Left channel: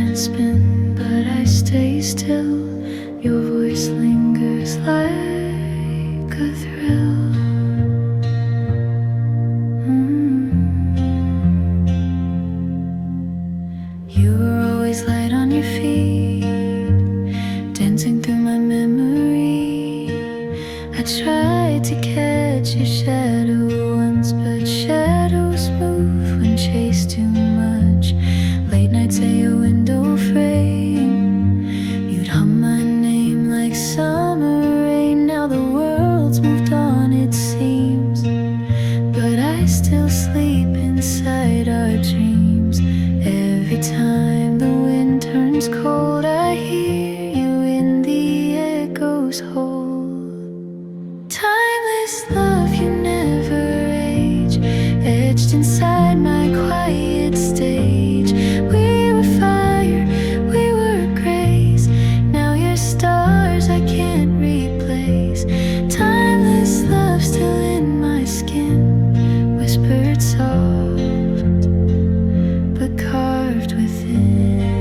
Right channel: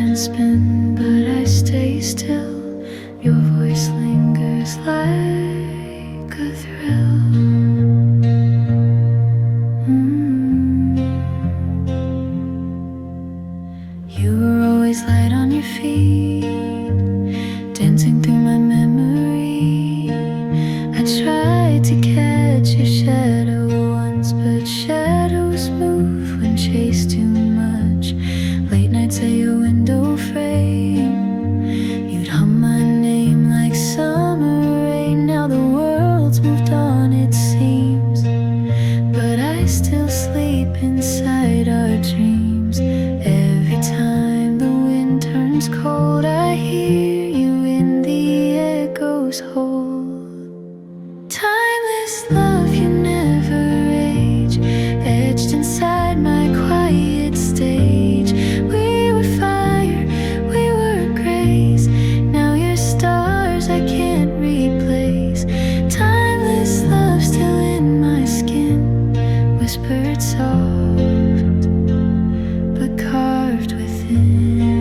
can spin, but I stay still. Your voice lingers like a thrill. You were always light on your feet, dancing through my memory. I tried to catch your shadow once, but shadows move when chased too much. Late nights at your window frame, you'd hum my name like summer rain. Now the world's moved on, it seems, but I still sleep inside our dreams. Every time the wind turns cold, I hear you in the echoes hold. Timeless love, you never age, etched inside my quiet stage. We were fire, we were grace. Now you're stars I can't replace. Timeless love still in my skin, whispered soft but carved within.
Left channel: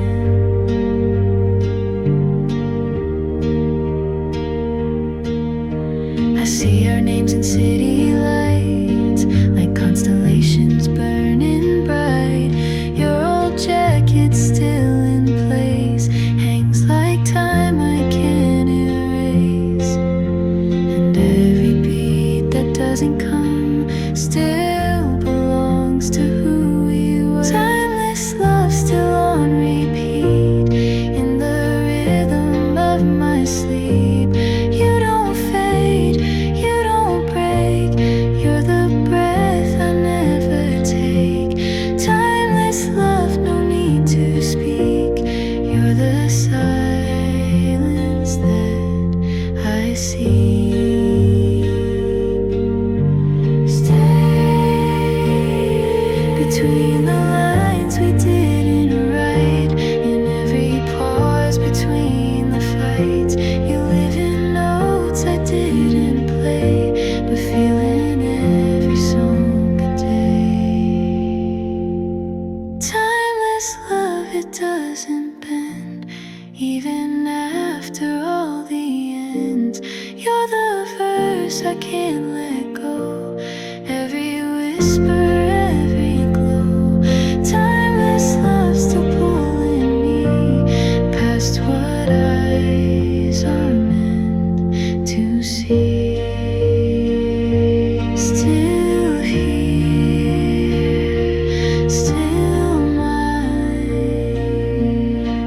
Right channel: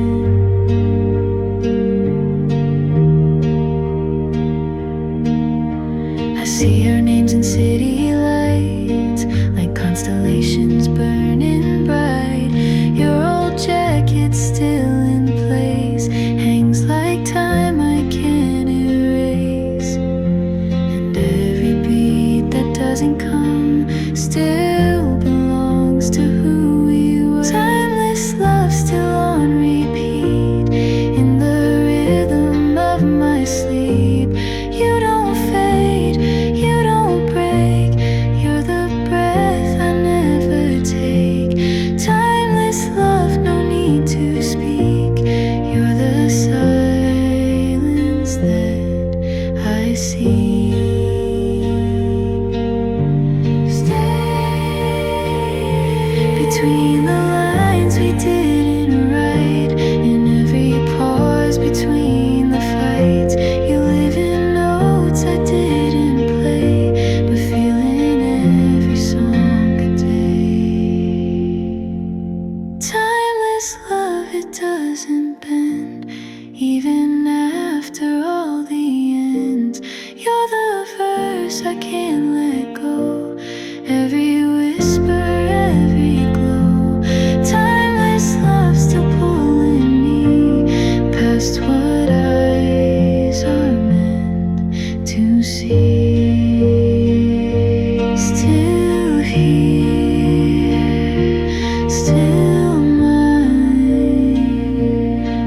I see our names in city lights, like constellations burning bright. Your old jacket still in place, hangs like time I can't erase. And every beat that doesn't come still belongs to who we were. Timeless love still on repeat, in the rhythm of my sleep. You don't fade, you don't break, you're the breath I never take. Timeless love, no need to speak, you're the silence that I seek. Between the lines we didn't write, in every pause between the fights, you live in notes I didn't play, but feel in every song a day. Timeless love, it doesn't bend, even after all the ends. You're the verse I can't let go, every whisper, every glow. Timeless love still pulling me past what eyes are meant to see. Still here, still mine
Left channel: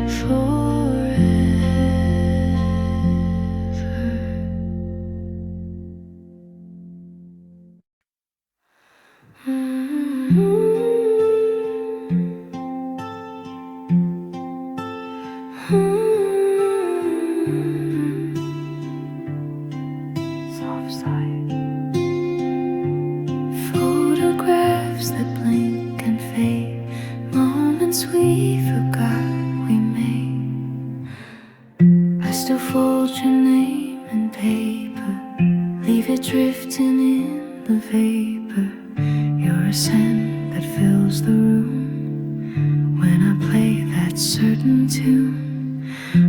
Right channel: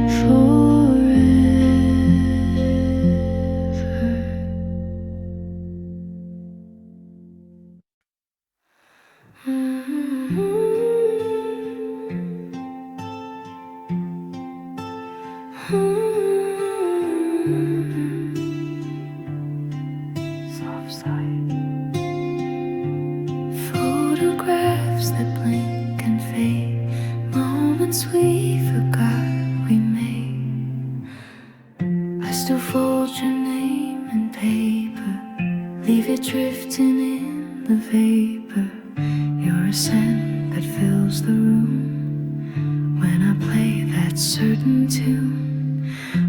forever. Soft side. Photographs that blink and fade, moments we forgot we made. I still fold your name in paper, leave it drifting in the vapor. You're a scent that fills the room when I play that certain tune.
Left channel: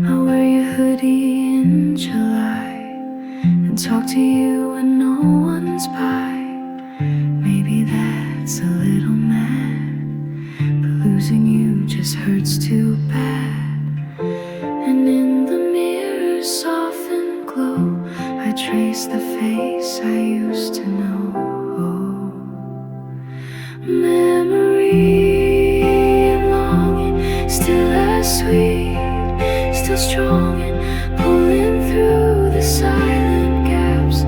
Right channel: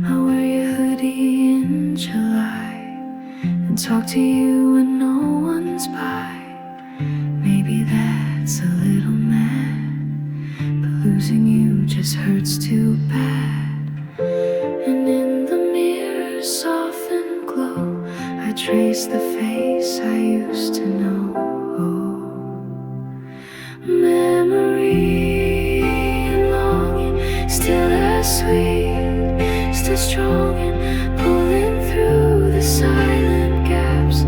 I wear your hoodie in July and talk to you when no one's by. Maybe that's a little mad, but losing you just hurts too bad. And in the mirror's softened glow, I trace the face I used to know. Memory and longing, still as sweet, still strong and pulling through the silent gaps,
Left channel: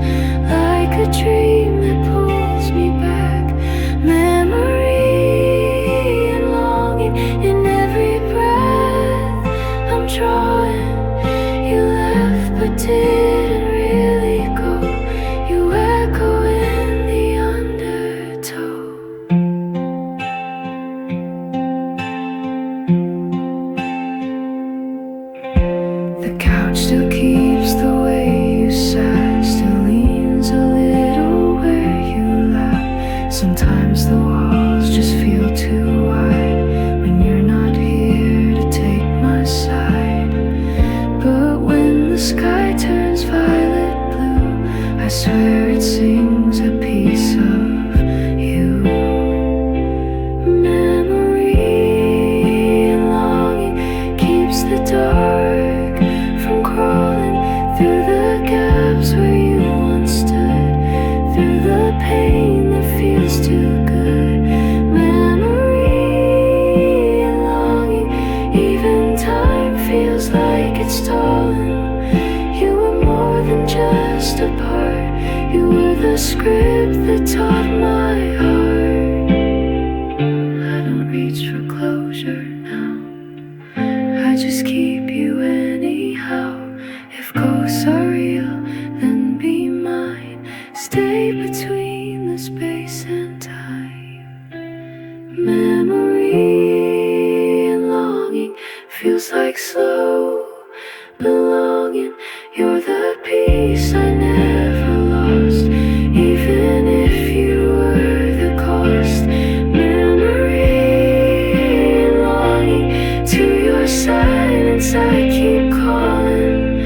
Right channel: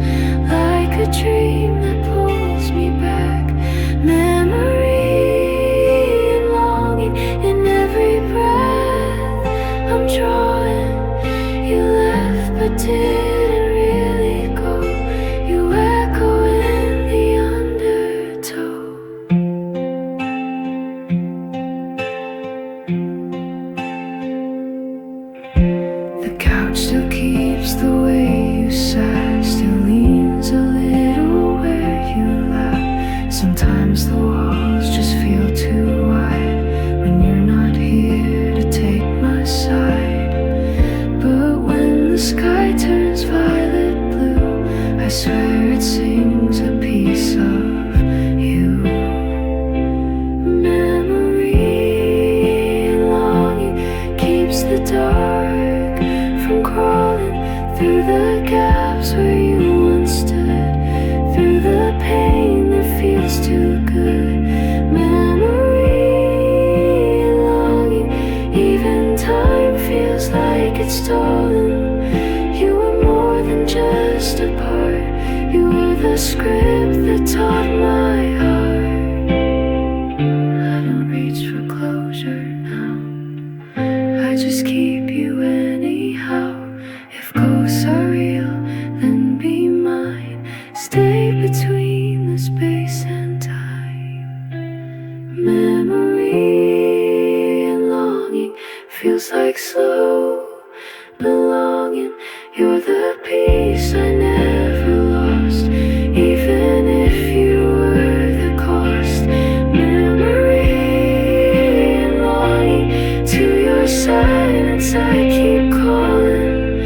like a dream that pulls me back. Memory and longing, in every breath I'm drawing. You left but didn't really go, you echo in the undertow. The couch still keeps the way you sat, still leans a little where you lap. Sometimes the walls just feel too wide when you're not here to take the sky turns violet blue, I swear it sings a piece of you. Memory and longing keeps the dark from crawling through the gaps where you once stood, through the pain that feels too good. Memory and longing, even time feels like it's stolen. You were more than just a part, you were the script that taught my heart. I don't reach for closure now, I just keep you anyhow. If ghosts are real, then be mine. Stay between the space and time. Memory and longing feels like slow belonging. You're the piece I never lost, even if you were the cost. Memory and longing, to your silence I keep calling.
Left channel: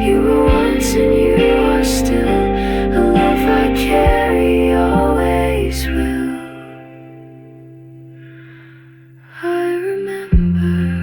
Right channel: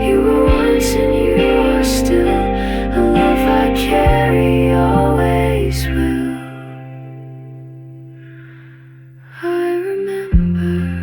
You were once and you are still a love I carry, always will. I remember.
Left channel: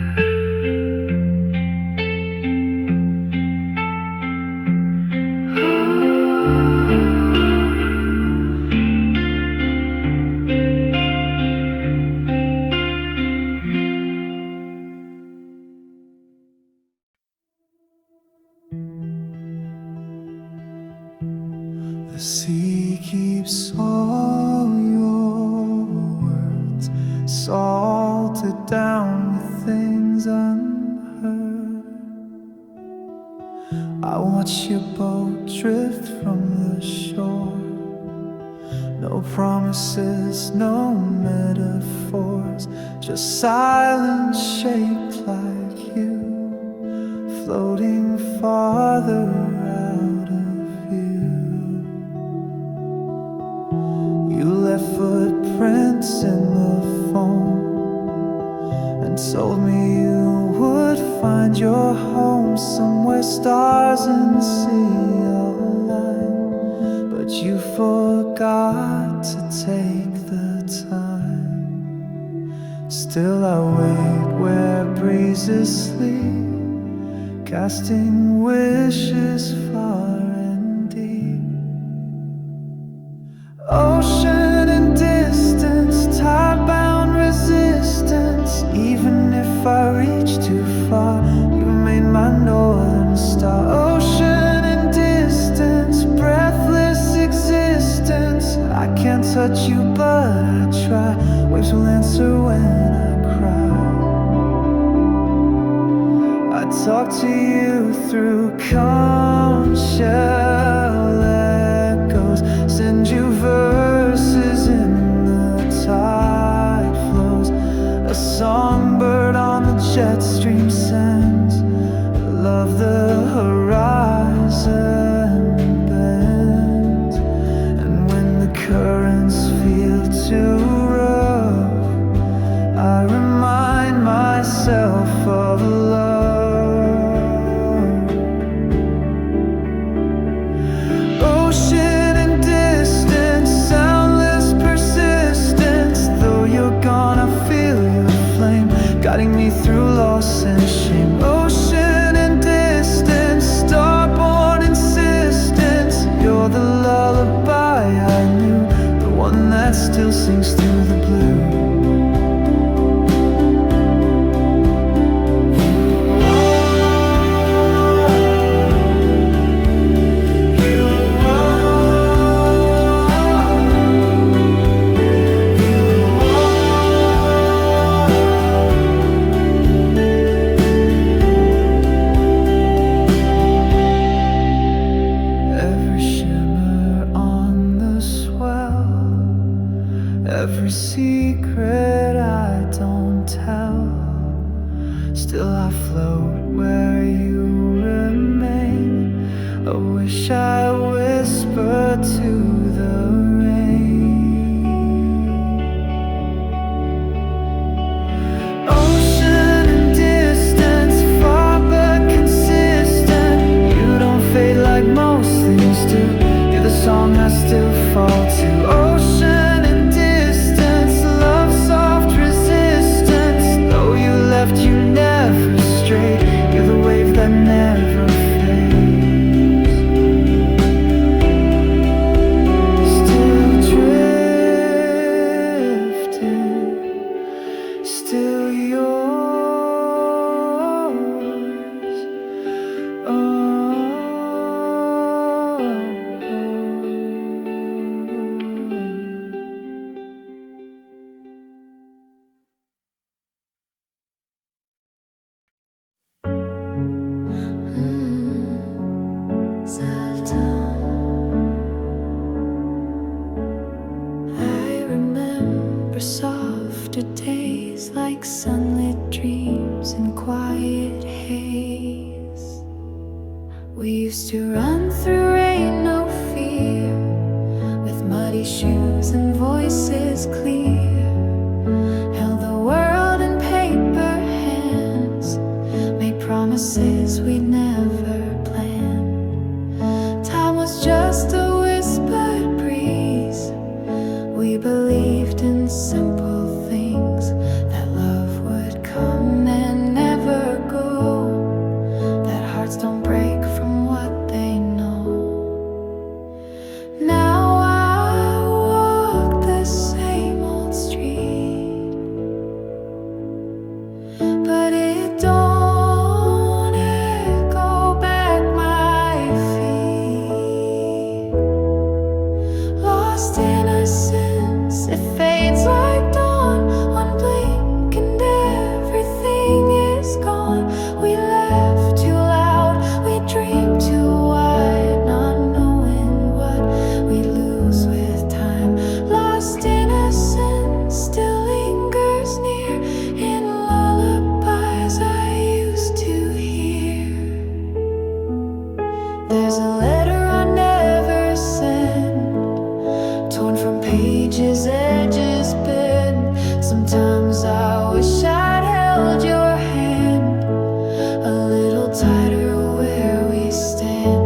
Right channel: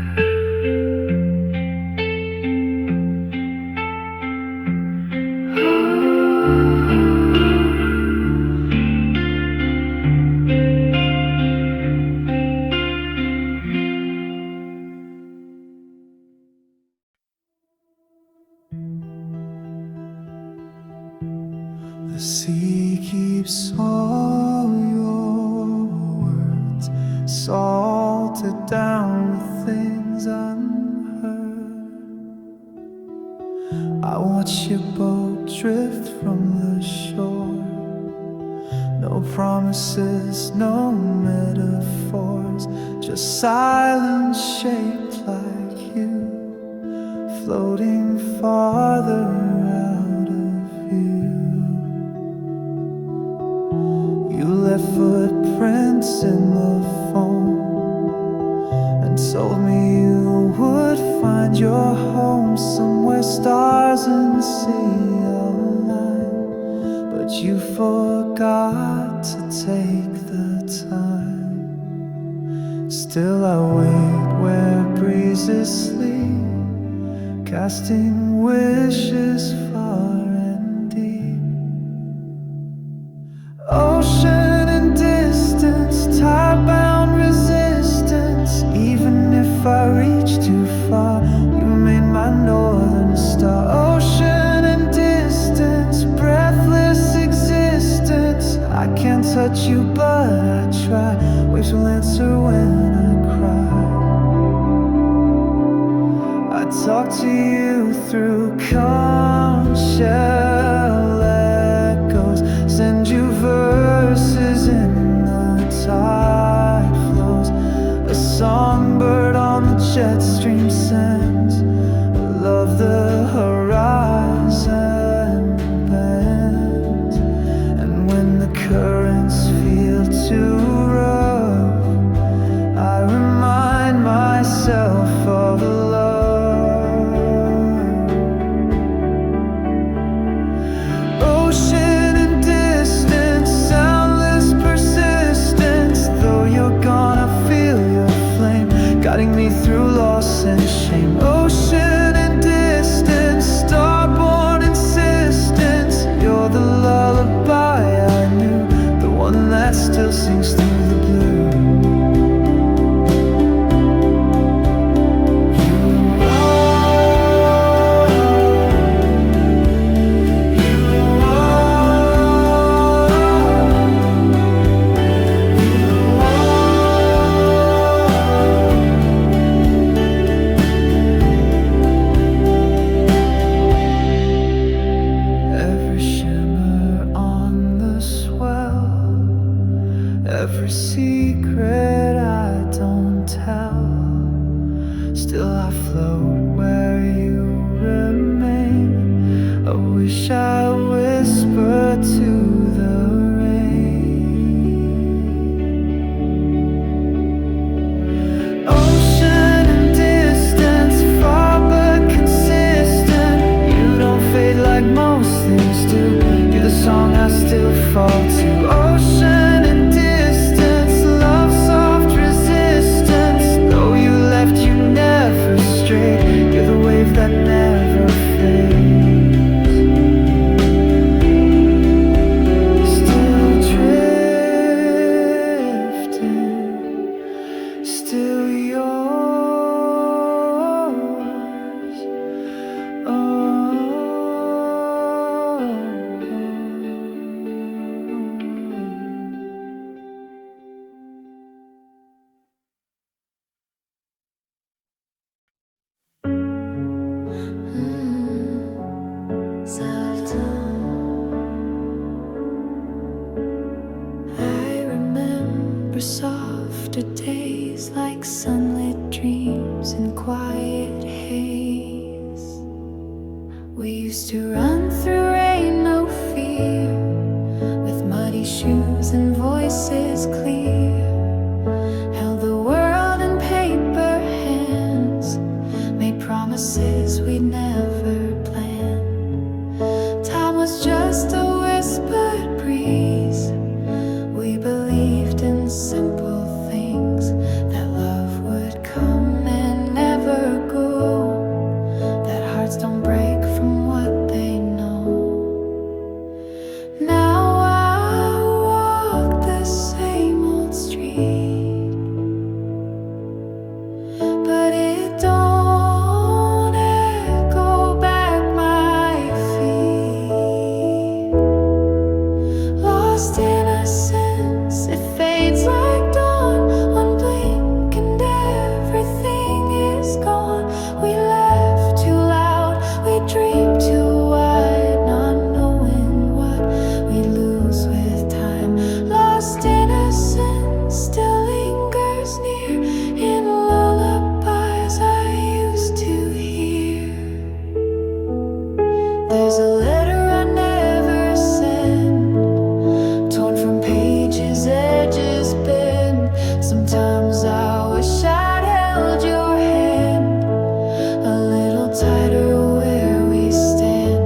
The sea keeps all your words salted down with things unheard. I watch your boat drift from the shore. No promises, no metaphors, just silence shaped like you, floating farther out of view. You left footprints in the foam and told me you would find your home somewhere stars and sea align, but you forgot to take the time. Still I wait where breezes sleep, casting wishes far and deep. Ocean and distance, time-bound resistance. Even if I reach too far, you made my northern star. Ocean and distance, breathless existence. I can't touch you but I try. Waves will answer when I cry. I talk to you through calm shell echoes, send you verses in the tide flows. A songbird on the jet stream sends love the horizon bends. And when the currents feel too rough, I remind myself of love. Ocean and distance, soundless persistence. Though you're gone, I feel your flame, guiding me through loss and shame. Ocean and distance, star-born insistence. You're the lullaby I knew, the one that still sings through the blue. Every secret I don't tell, still I float where you remain. I wish I whispered to the rain. Ocean and distance, far but consistent. song I still fall to. Ocean and distance, love soft resistance. Though you left, you never strayed. You're the wave that never fades. Still drifting, still yours. I remember softer days like sunlit dreams in quiet haze. We used to run through rain, no fear, with muddy shoes and voices clear. Held the world in paper hands, made promises we'd never plan. Time was just a whispered breeze. We believed in simple things, that love would come and never go, that hearts don't break from what they know. Now I walk the same old street, but it don't echo back my feet. Lost innocence, it fades like dawn. One blink and everything is gone. We laugh too loud, we dream too wide, not knowing what we lose with time. Lost innocence still lingers near in lullabies I used to hear. There's a letter I never sent, torn from pages, edges bent. Sometimes I wish I'd held your hand a little tighter where we stand.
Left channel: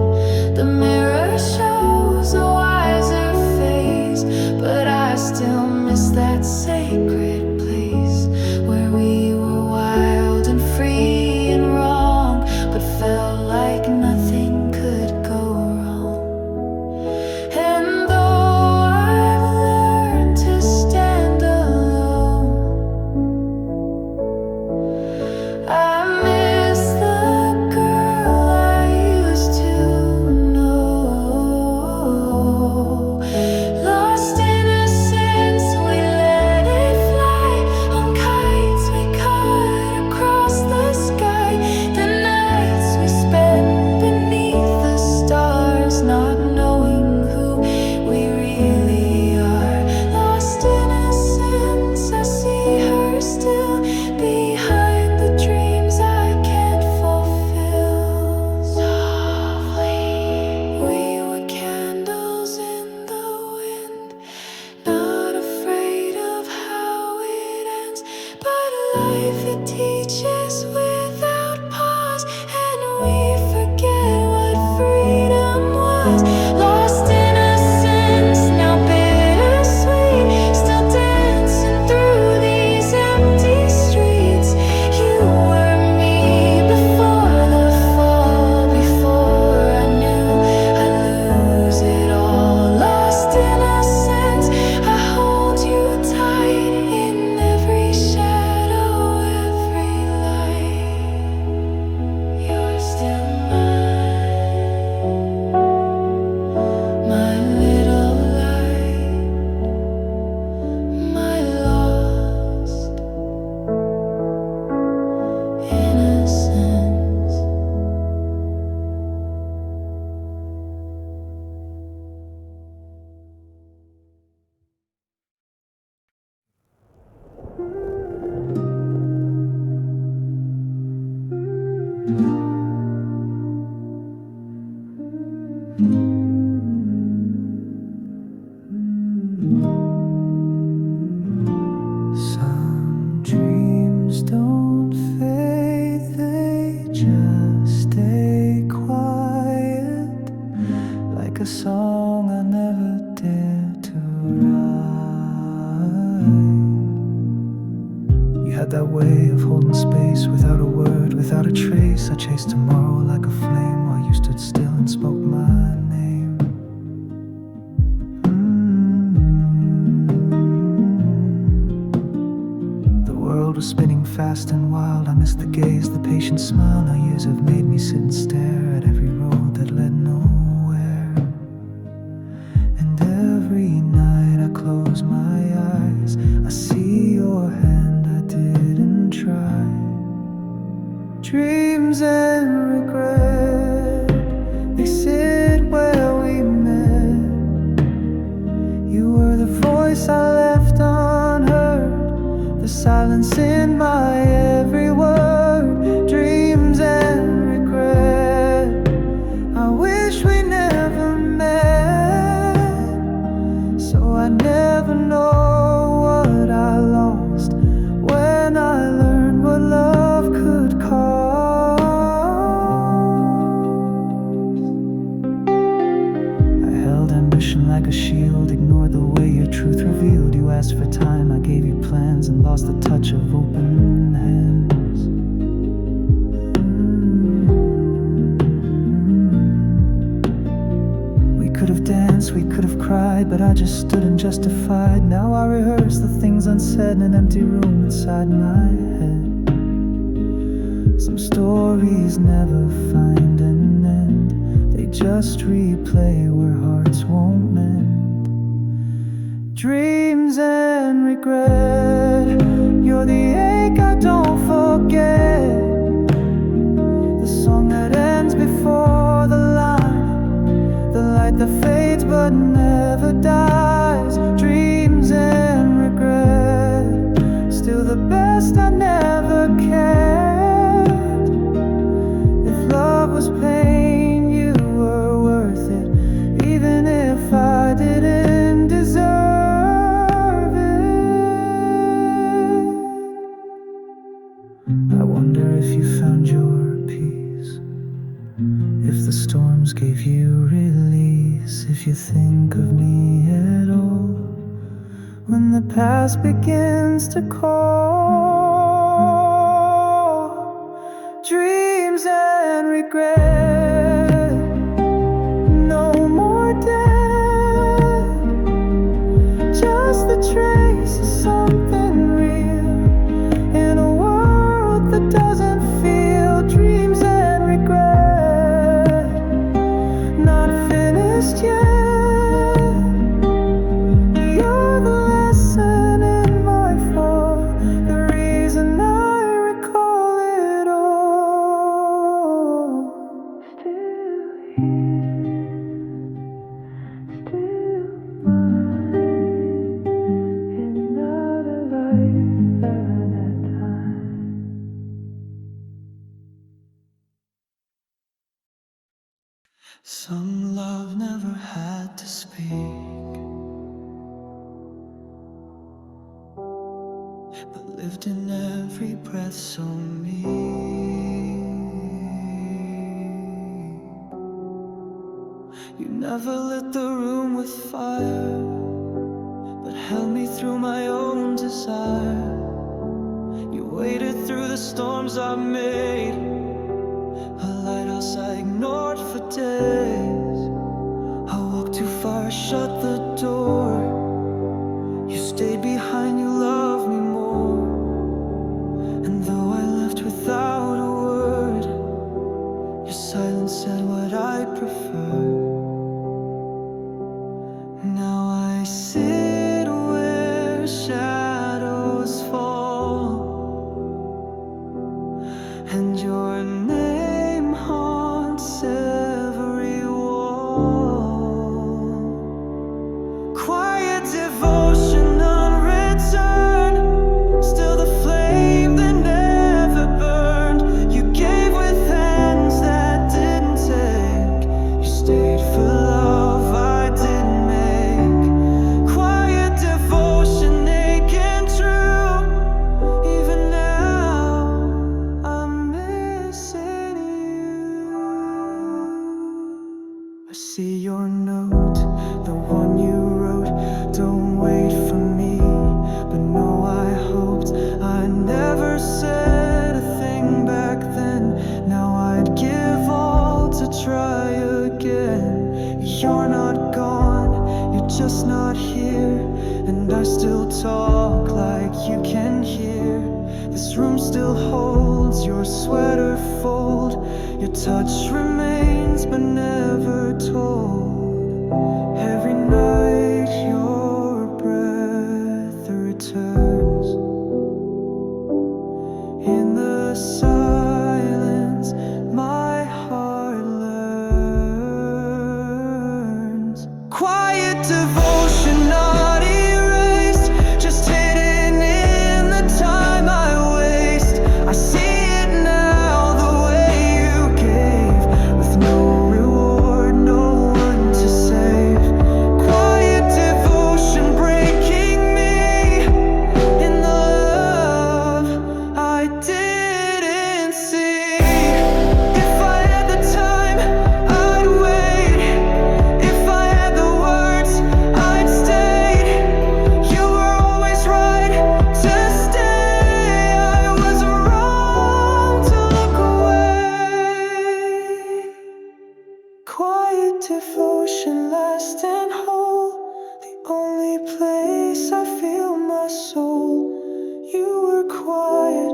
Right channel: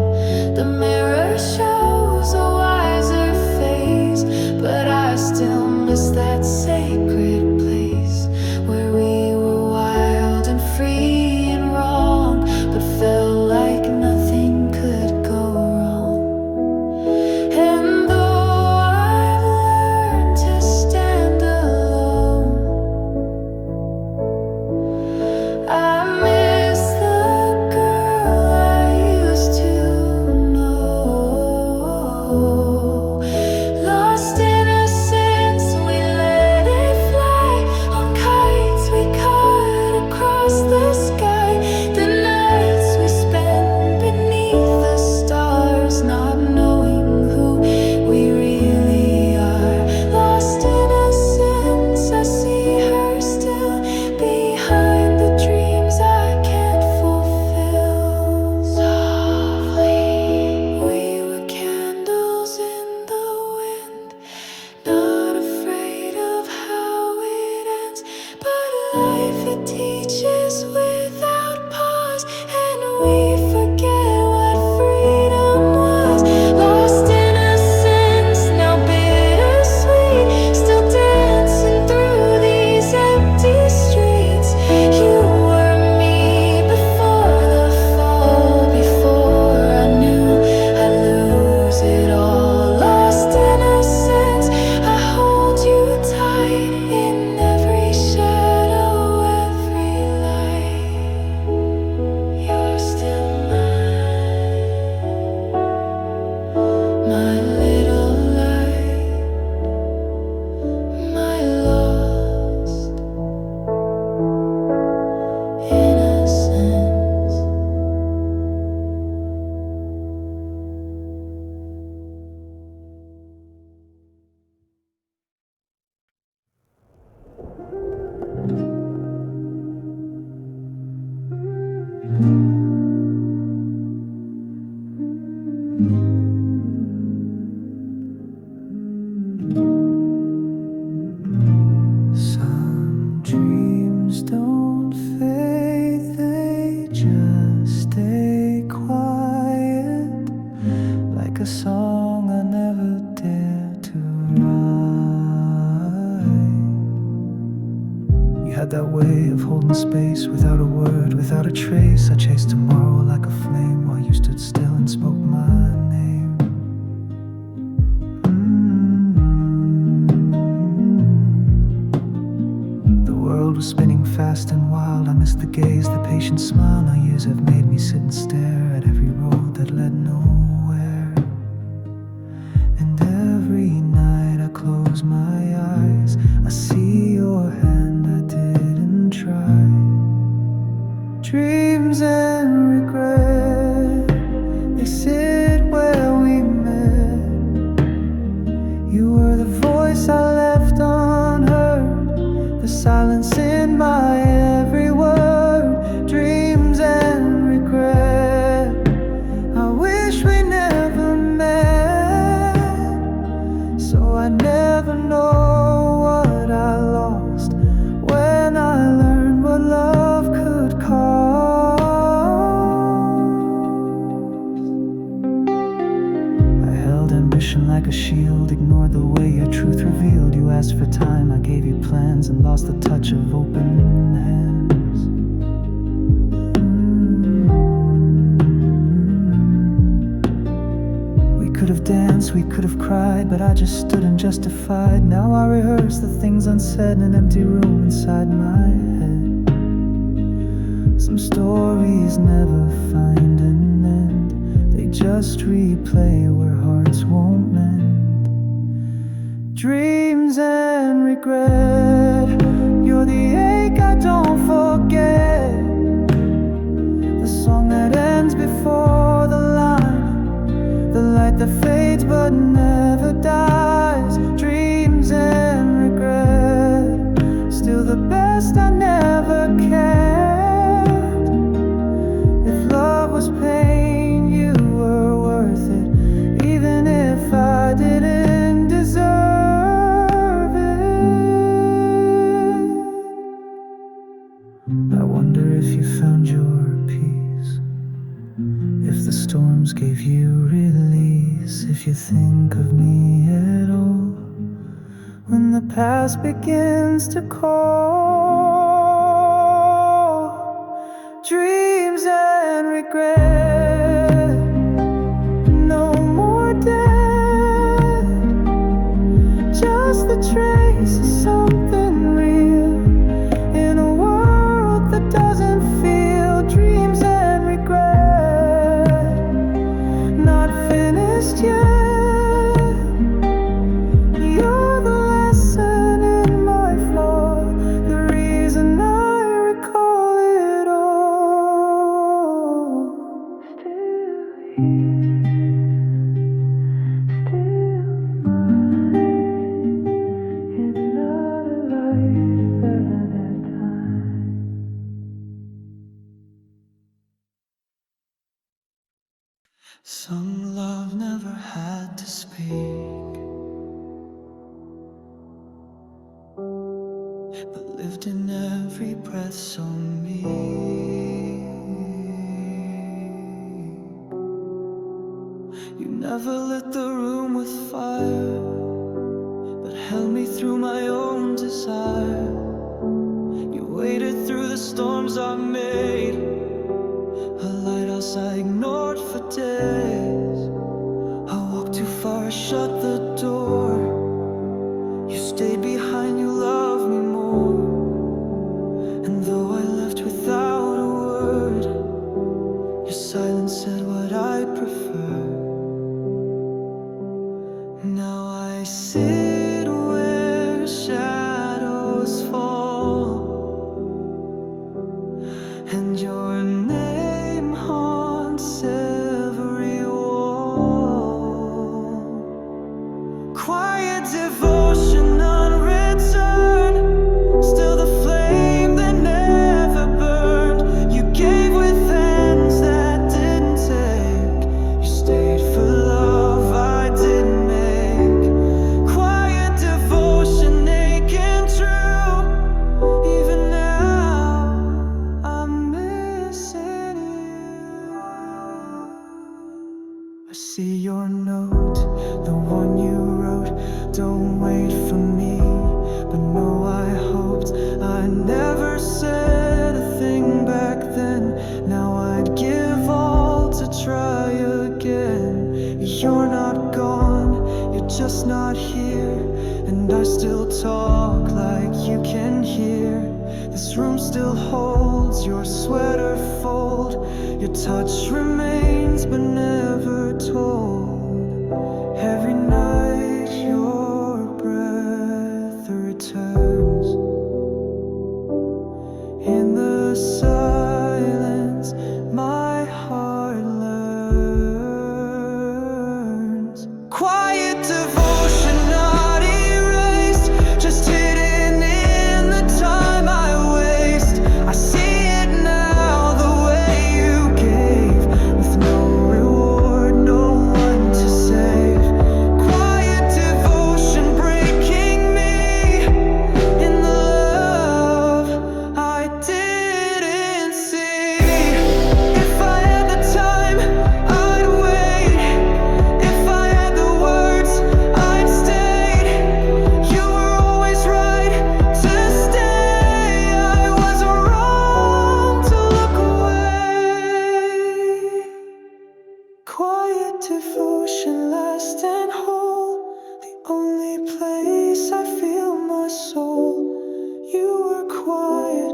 The mirror shows a wiser face, but I still miss that sacred place where we were wild and free and wrong, but felt like nothing could go wrong. And though I've learned to stand alone, I miss the girl I used to know. Lost innocence, we let it fly on kites we cut across the sky. The nights we spent beneath the stars, not knowing who we really are. Lost innocence, I see her still behind the dreams I can't fulfill. Softly, we were candles in the wind, not afraid of how it ends. But life, it teaches without pause, and we forget what freedom was. Lost innocence, now bittersweet, still dancing through these empty streets. You were me before the fall, before I knew I'd lose it all. Lost innocence, I hold you tight in every shadow, every light. You're still mine, my little light, my lost innocence. Some dreams don't fade, they just stay quiet, like a song I never without a trace. I chased tomorrow like a flame while you stood still and spoke my name. The world was spinning fast and wild. I missed the gaze, the patient smile. Now years have made me sit and stare at every road that led nowhere. And every night I close my eyes, I see your hand, I didn't try. Dreams and regret, they sit where we met. You were the voice I left unheard, the silence in my every word. Dreams and regret, I wish we never met. So I never know what I lost when I learned what love could cost. I held ambition like a shield, ignored the way your truth revealed. You asked for time, I gave you plans, and lost the touch of open hands. We could have danced, we could have cried, but I just stood and justified. Now I rehearse the things unsaid in an empty room inside my head. Some stories never find an end, they just replay where hearts won't mend. Dreams and regret, you're the ache I don't forget. The song that ends before the line, the light that fades but never dies. Dreams and regret, still the best I never cared. If love was pain, you were worth it, even if I didn't deserve it. I wonder if you found your peace, if the storms gave you release, if you think of me at all when the past begins to call. Dreams and regret, no more death, just the trace of something real in a world that doesn't feel. Dreams and regret, not finished yet. You're the lesson in my fall, the reason I recall it all. Still here, still mine, in another life, another time. Some love never had to speak, but lived in every breath so meek. You never lit the room with fire, but held me through my own desire. You waited through the storms I made, a lighthouse I ignored for days. I walked too far, shut the door. You stayed behind, you loved me more. And though I left without a word, your silence said what I prefer. Now I sit where shadows fall, and your name haunts every wall. Quiet devotion unreturned, still the flame that never burned. You gave with hands that didn't take, you stayed for love I didn't make. Quiet devotion aching true, even now I'm missing you. I see your note, the one you wrote. Don't wait for me, but no, I hoped. I never said a thing back then. Now I'd give all to try again. You're not gone, you're just not here. And I still talk like you can hear. This room still holds your sweater fold. Your touch remains but never told. Every night your breath returns. In the silence my heart learns. Quiet devotion not erased, just hidden in the time I waste. I see it now the way you gave, with no reward, no one to save. Quiet devotion breaking me in the love I didn't see. If I had the time, I'd wait. If I had the words, I'd stay. You were always right to stay. I was wrong to look away. Quiet devotion, last and whole, the only place I feel my soul. You were quiet,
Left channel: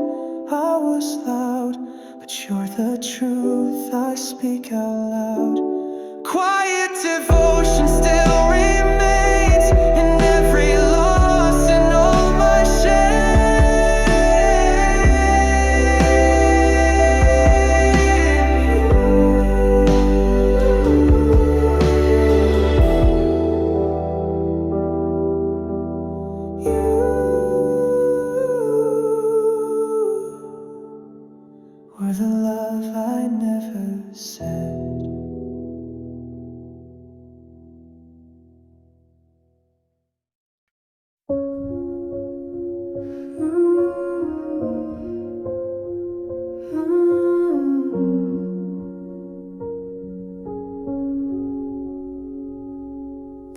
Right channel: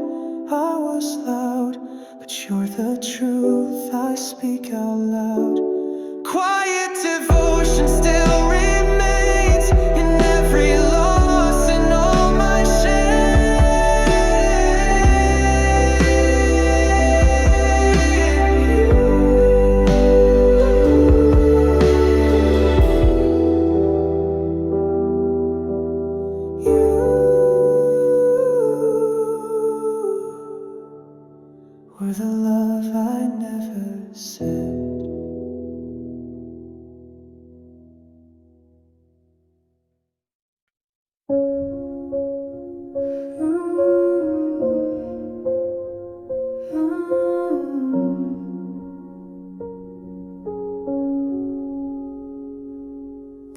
I was loud, but you're the truth I speak out loud. Quiet devotion still remains in every loss and all my were the love I never said.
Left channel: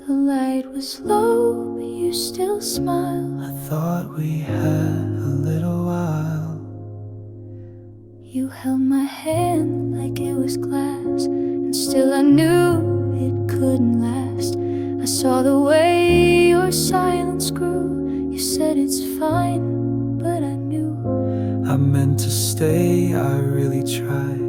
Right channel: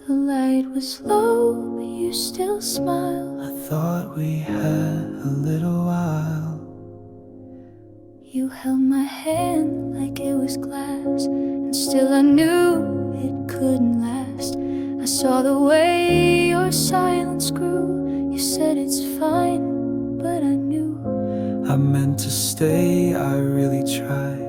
The light was low, but you still smile. I thought we had a little while. You held my hand like it was glass, and still I knew it couldn't last. I saw the way your silence grew. You said it's fine, but I knew. I meant to stay, I really tried.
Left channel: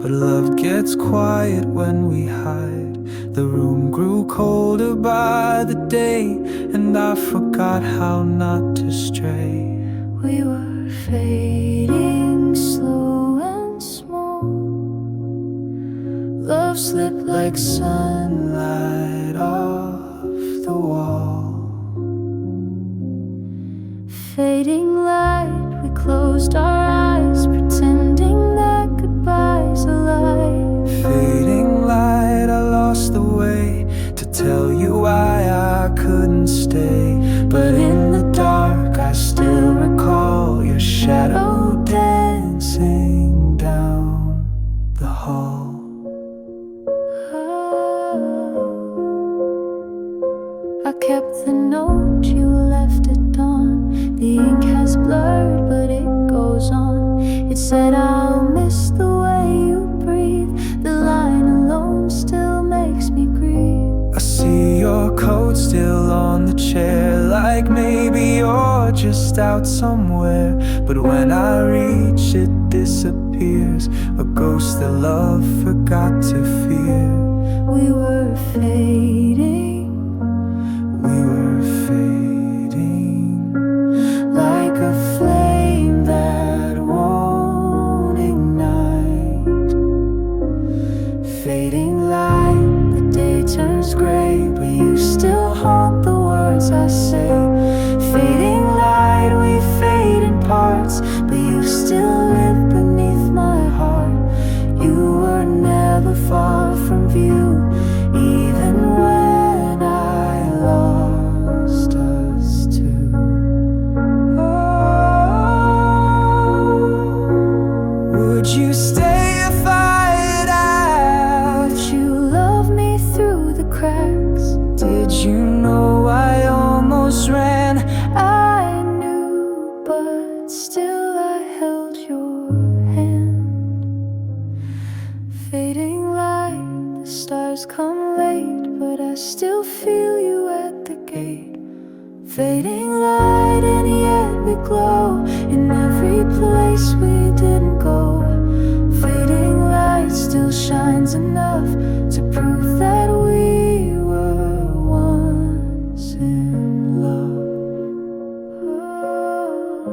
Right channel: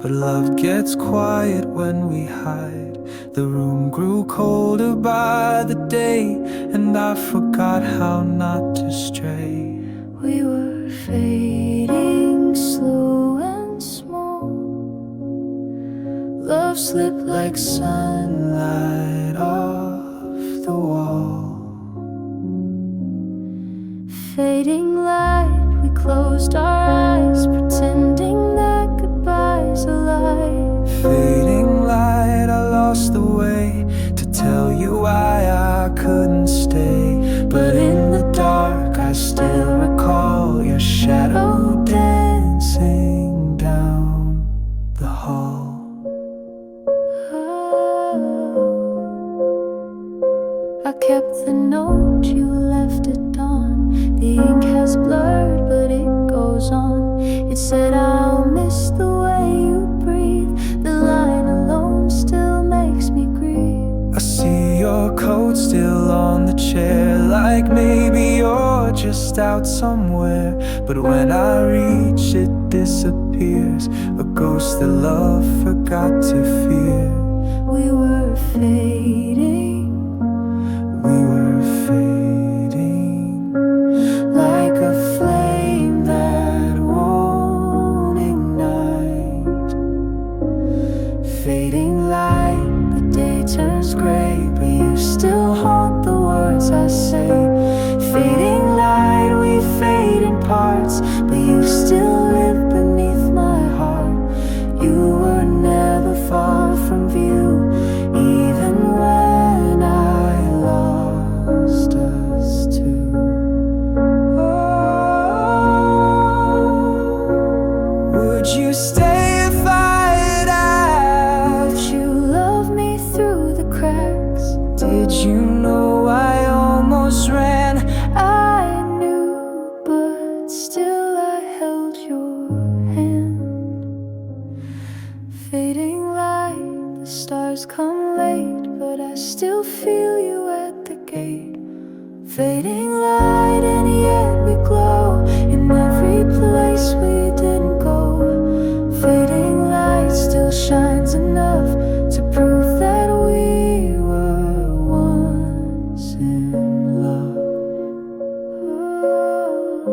But love gets quiet when we hide. The room grew colder by the day, and I forgot how not to stray. We were fading slow and small. Love slipped like sunlight off the wall. Fading light, we closed our eyes, pretending that goodbye's a lie. Fading light, I lost the way to tell you why I couldn't stay. But in the dark, I still recall your shadow dancing down the hall. I kept the note you left at dawn. The ink has blurred, but it goes on. It said, I'll miss the way you breathe. The line alone still makes me grieve. I see your coat still on the chair, like maybe you're just out somewhere. But when I reach, it disappears, a ghost that love forgot to fear. We were fading, we were fading, like a flame that won't ignite. Fading light, the day turns gray, but you still haunt the words I say. Fading light, we fade in parts, but you still live beneath my heart. You were never far from view, even when I lost us too. Oh, would you stay if I'd asked? Would you love me through the cracks? Did you know I almost ran? I knew, but still I held your hand. Fading light, the stars come late, but I still feel you at the gate. Fading light, and yet we glow in every place we didn't go. Fading light still shines enough to prove that we were once in love. Oh,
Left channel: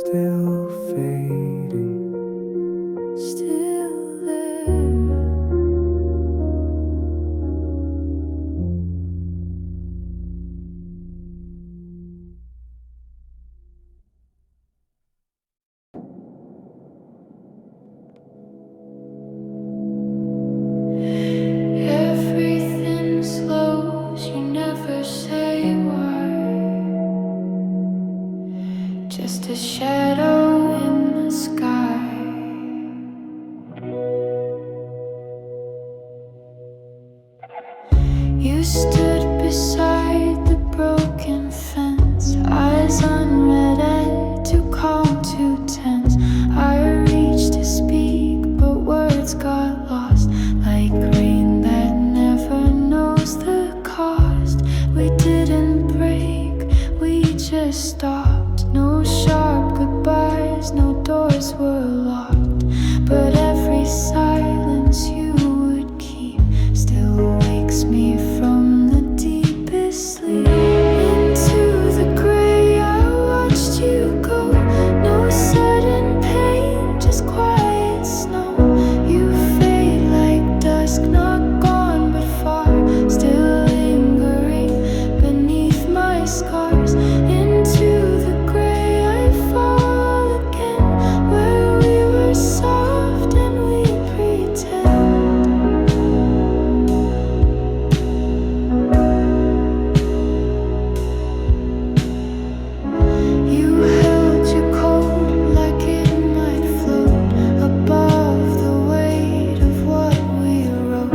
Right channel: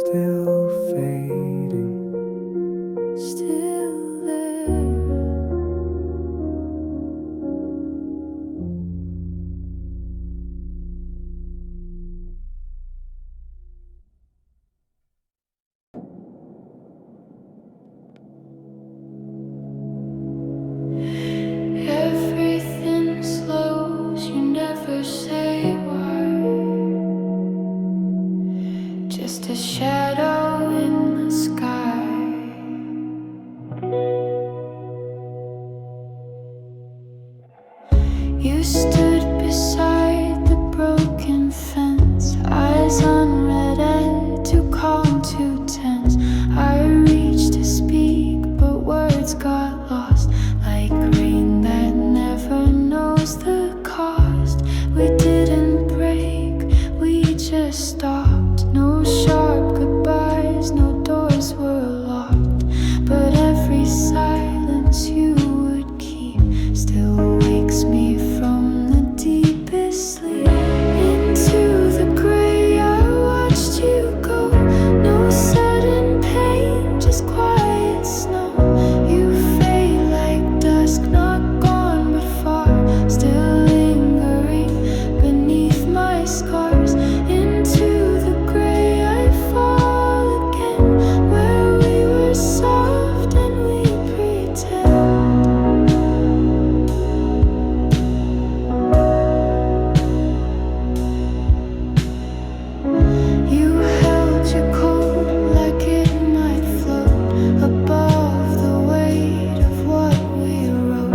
Still fading, still there. Everything slows, you never say why. Just a shadow in the sky. You stood beside the broken fence, eyes unread, too calm, too tense. I reached to speak, but words got lost, like rain that never knows the cost. We didn't break, we just stopped. No sharp goodbyes, no doors were locked, but every silence you would keep still wakes me from the deepest sleep. Into the gray I watched you go. No sudden pain, just quiet snow. You fade like dusk, not gone but far, still lingering beneath my scars. Into the gray I fall again, where we were soft and we pretend. You held your coat like it might float above the weight of what we wrote.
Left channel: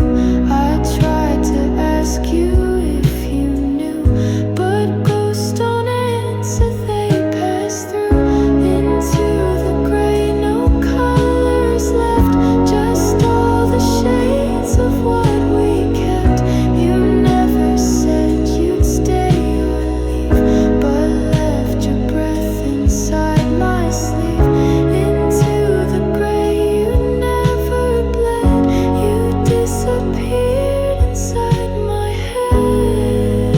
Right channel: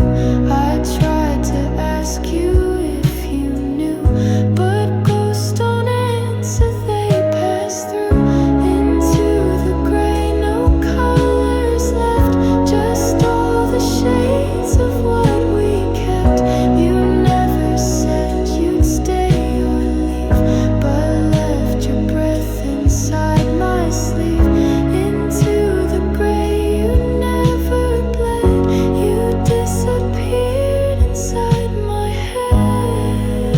I tried to ask you if you knew, but ghosts don't answer, they pass through. Into the gray, no colors left, just all the shades of what we kept. You never said you'd stay or leave, but left your breath inside my sleeve. Into the gray, you never bled, you disappeared inside my head.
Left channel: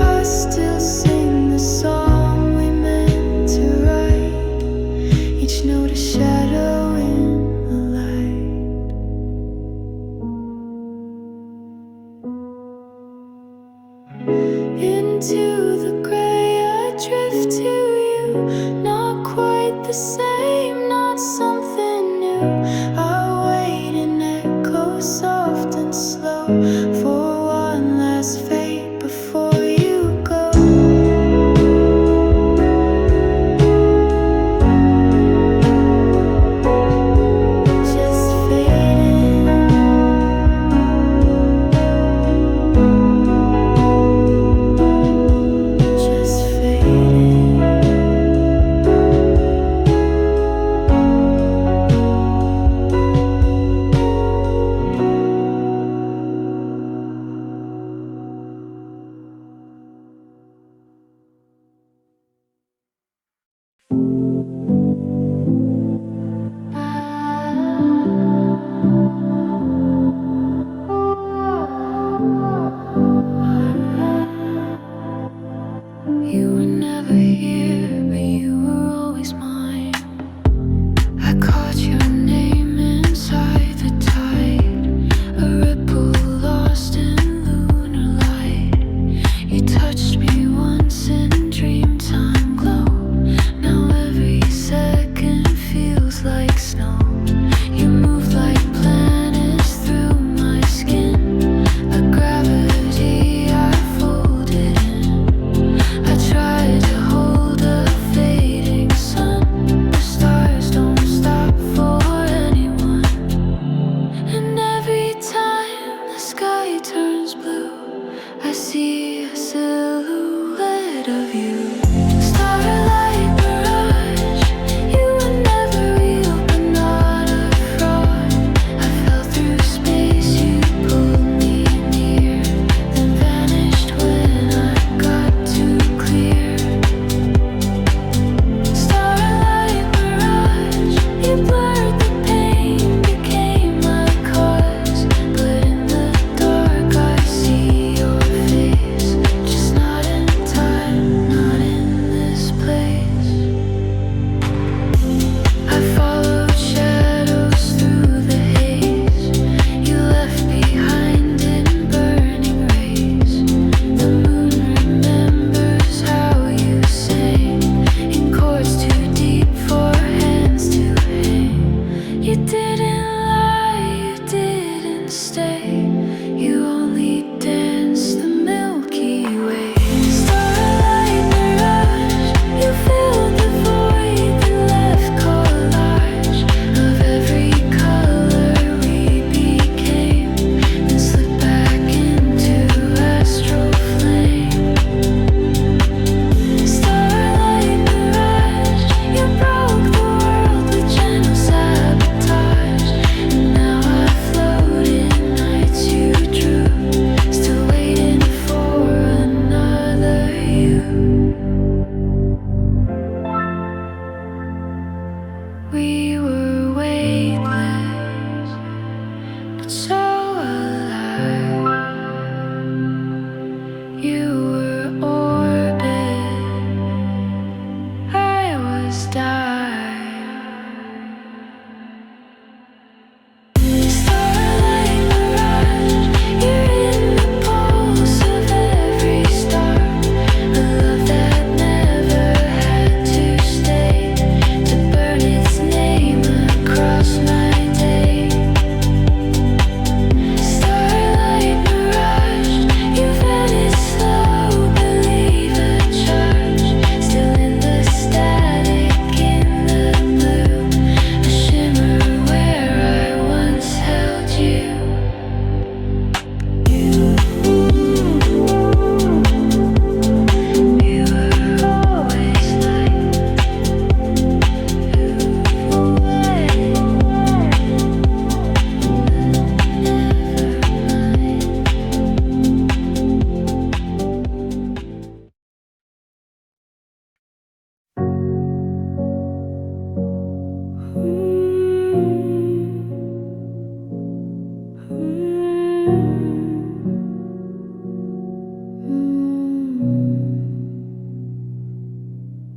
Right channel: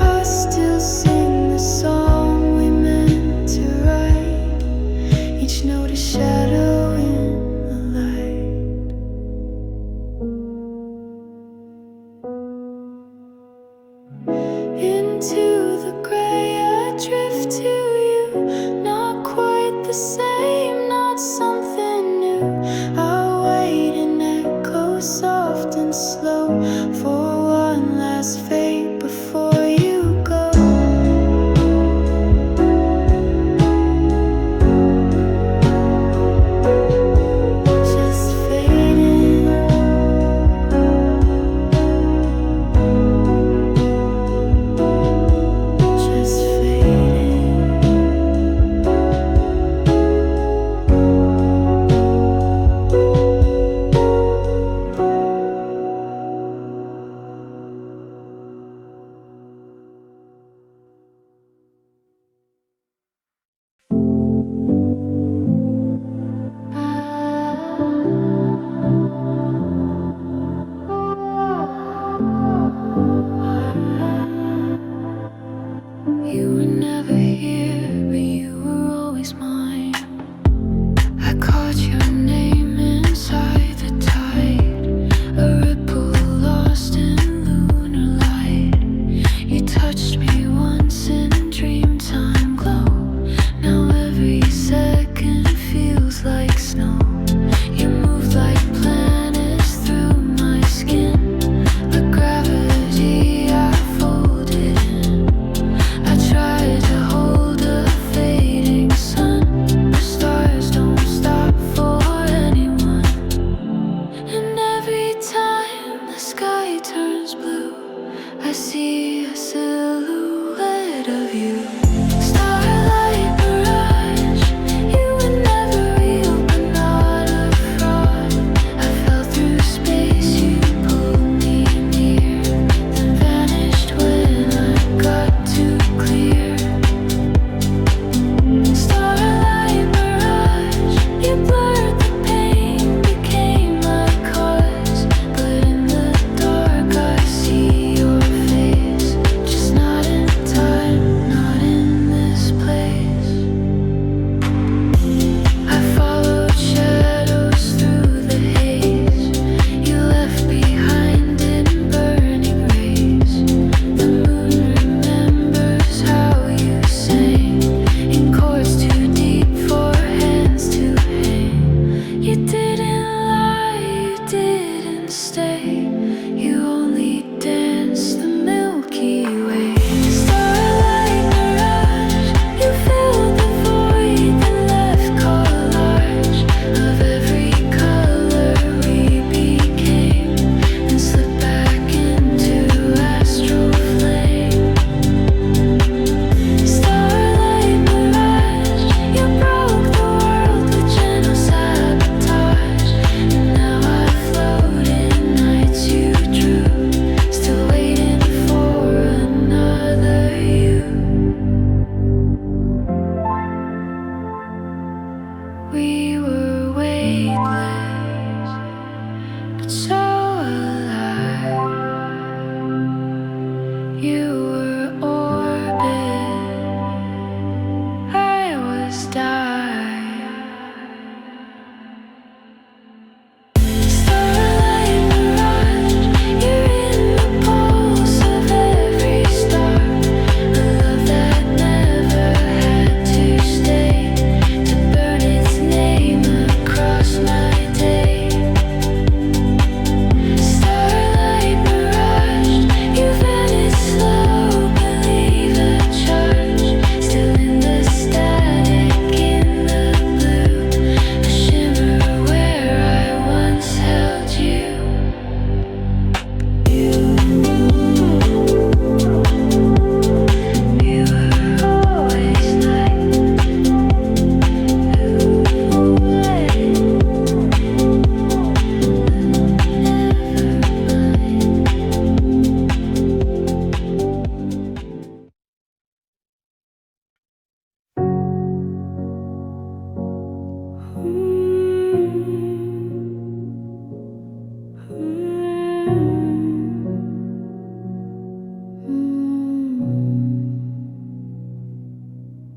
I still sing the song we meant to write, each note a shadow in the light. Into the gray I drift to you, not quite the same, not something new. I wait in echo soft and slow for one last fade before you go. Just fading. see a silhouette of you. Starlight mirage, you were never real but not a fraud. I fell through space, you pulled me near, then vanished when I got too clear. Starlight mirage, you blurred the pain, became my cause. But in the dark I see your face, just not in time, not in this place. I followed shadows through the haze you left behind in burning rays. The moon remembers how you sang in chords too deep for hands to hang. You didn't lie, you didn't stay, you only danced the Milky Way. Starlight mirage, you filled the void that left collage of every color we became, and slipped back into astral flame. Starlight mirage, you broke the world with gentle sabotage, and now I float in nights you drew, still waiting for another you. We were weightless, but so alive. You were orbit, I was dive. Starlight mirage, you're in the pulse of every star. A love that never had to stay, to burn its name across my day. Starlight mirage, you vanished slow, believe a charge. Still in the static, in the blue, a shimmer where I once held you. You were always night, never mine.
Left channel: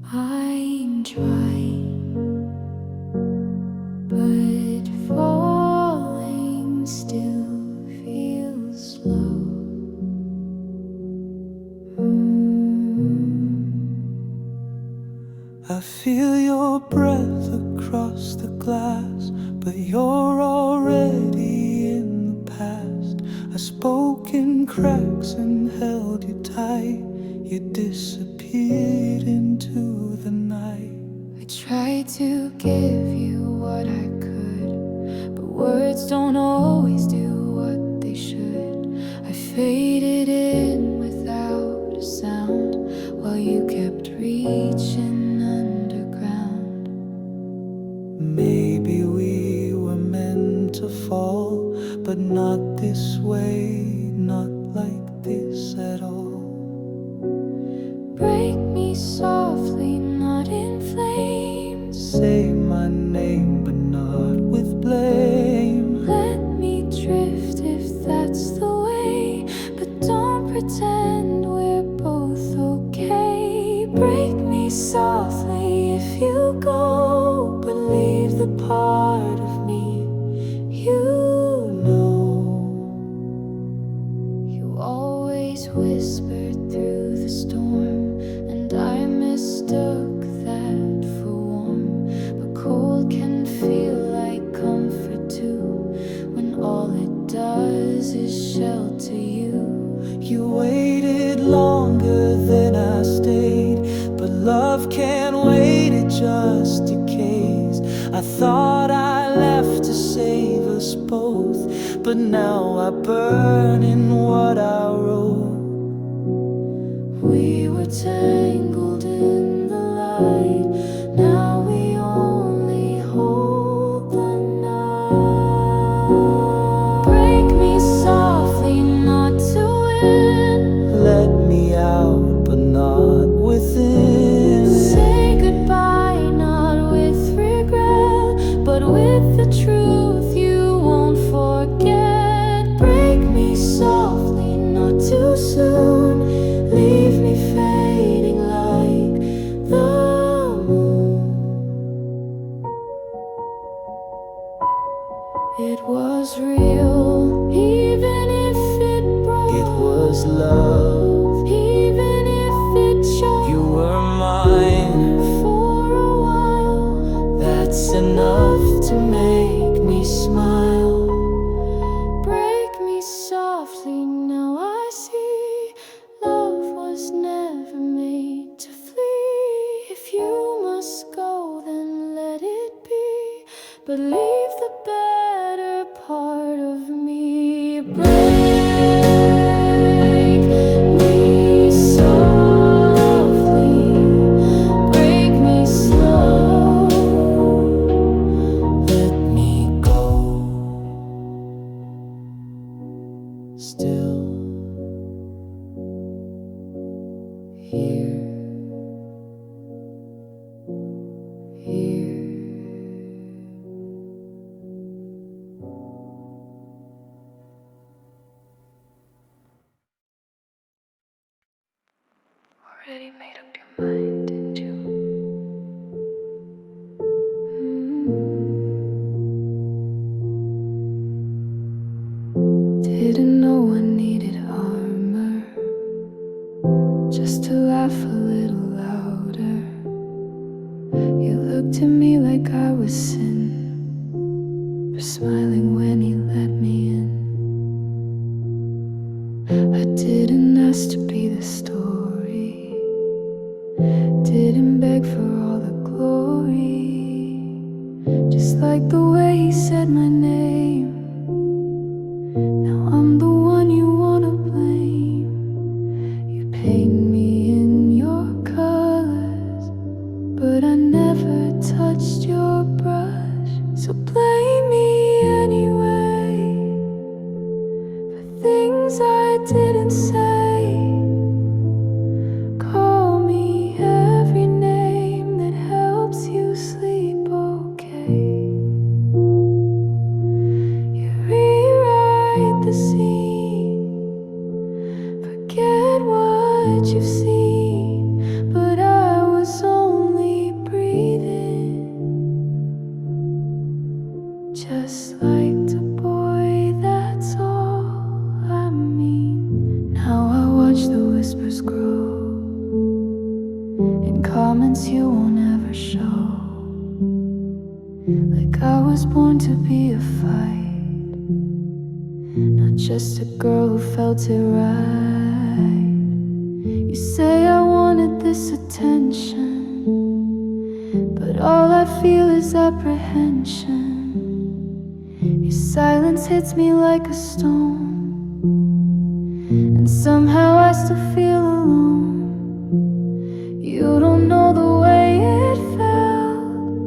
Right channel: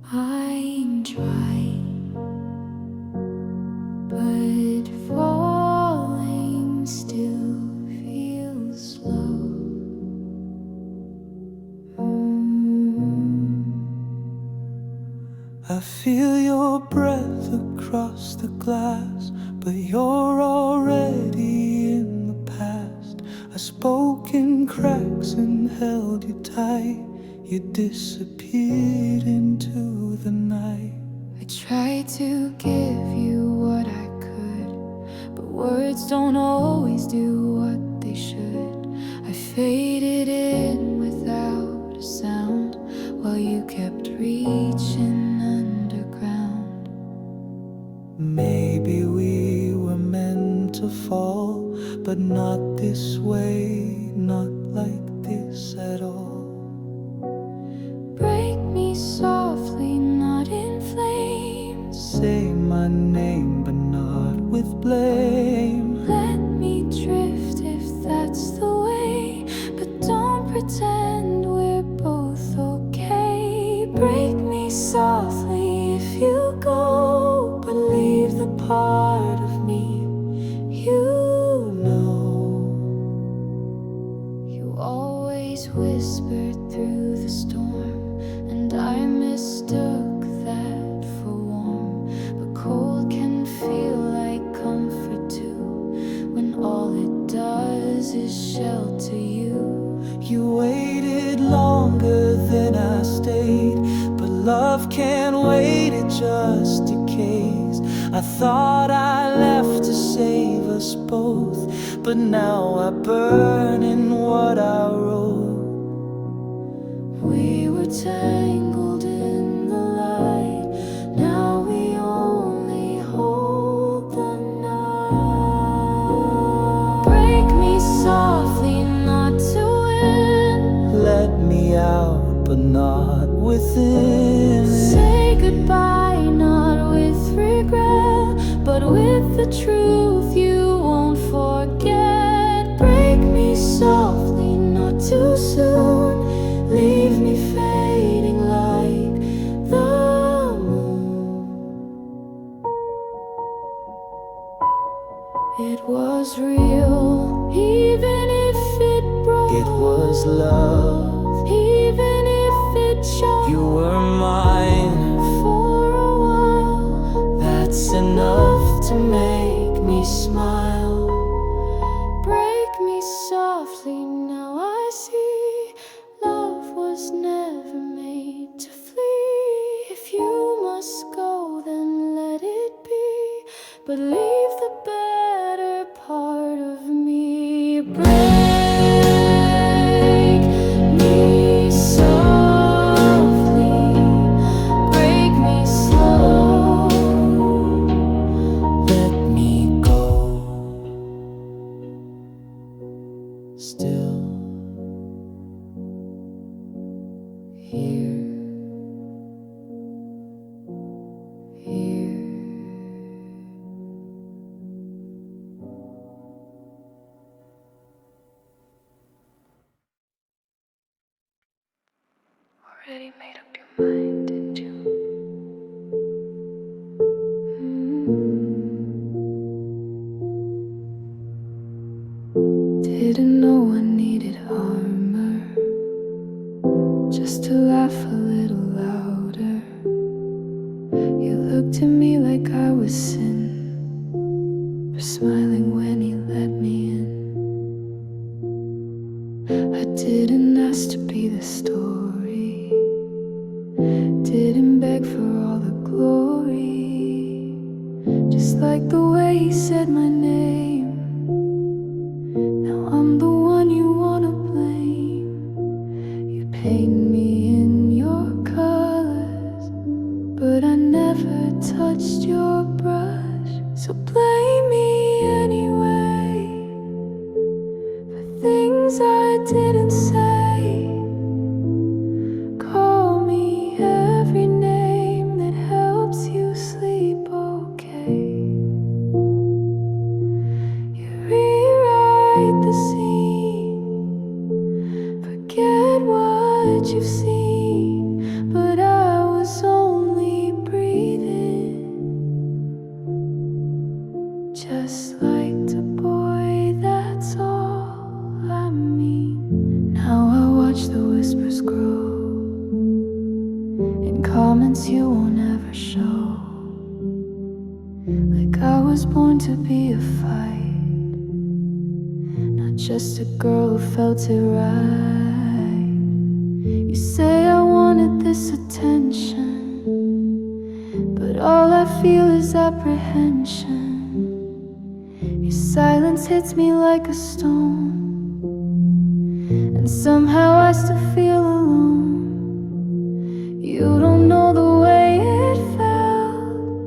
I'm dry, but falling still feels slow. I feel your breath across the glass, but you're already in the past. I spoke in cracks and held you tight. You disappeared into the night. I tried to give you what I could, but words don't always do what they should. I faded in without a sound, while you kept reaching underground. Maybe we were meant to fall, but not this way, not like this at all. Break me softly, not in flames. Say my name, but not with blame. Let me drift if that's the way, but don't pretend we're both okay. Break me softly if you go, but leave the part of me you know. You always whispered through the storm, and I mistook that for warm. But cold can feel like comfort too, when all it does is shelter you. You waited longer than I stayed, but love can't wait, it just decays. I thought I left to save us both, but now I burn in what I wrote. tangled in the light. Now we only hold the night. Break me softly, not to win. Let me out, but not within. Say goodbye, not with regret, but with the truth you won't forget. Break me softly, not too soon. Leave me fading like the moon. It was real, even if it broke. It was love, even if it choked. you were mine. For a while, That's enough to make me smile. break me softly, now I see. Love was never made to flee. If you must go, then let it be, but leave the better part of me. Break me softly, break me slow. Let me go. Still here, Here. Already made up your mind, didn't you? Didn't know I needed armor just to laugh a little louder. You looked at me like I was sin for smiling when he let me in. I didn't ask to be the story, didn't beg for all the glory. Just like the way he said my name, now I'm the one you wanna blame. You paint me in your colors, but I never touched your brush. So blame me anyway for things I didn't say. Call me every name that helps you sleep okay. You rewrite the scene, forget what you've seen, but I was only breathing, just like a boy, that's all I mean. Now I watch the whispers grow in comments you won't ever show. Like I was born to be a fight, not just a girl who felt it right. You say I wanted this attention, but all I feel is apprehension. Your silence hits me like a stone, and somehow I still feel alone. You don't know the way it felt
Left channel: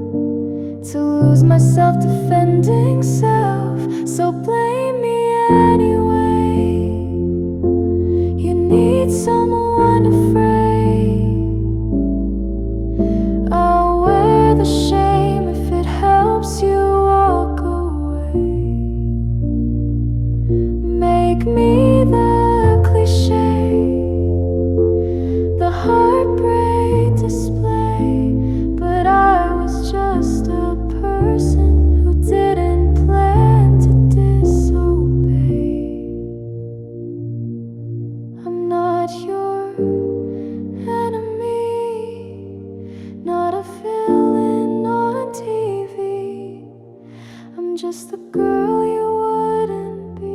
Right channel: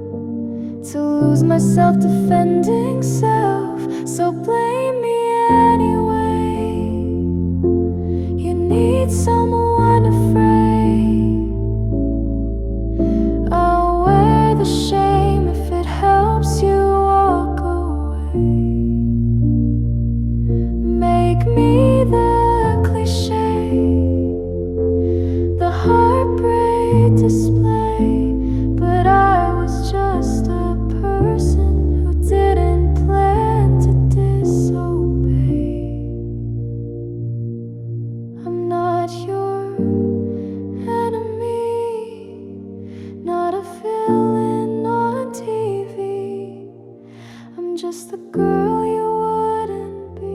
to lose myself defending self, so blame me anyway. You need someone afraid. I'll wear the shame if it helps you walk away. Make me the cliche, the heartbreak display, but I was just a person who didn't plan to disobey. I'm not your enemy, not a villain on TV. I'm just the girl you wouldn't be.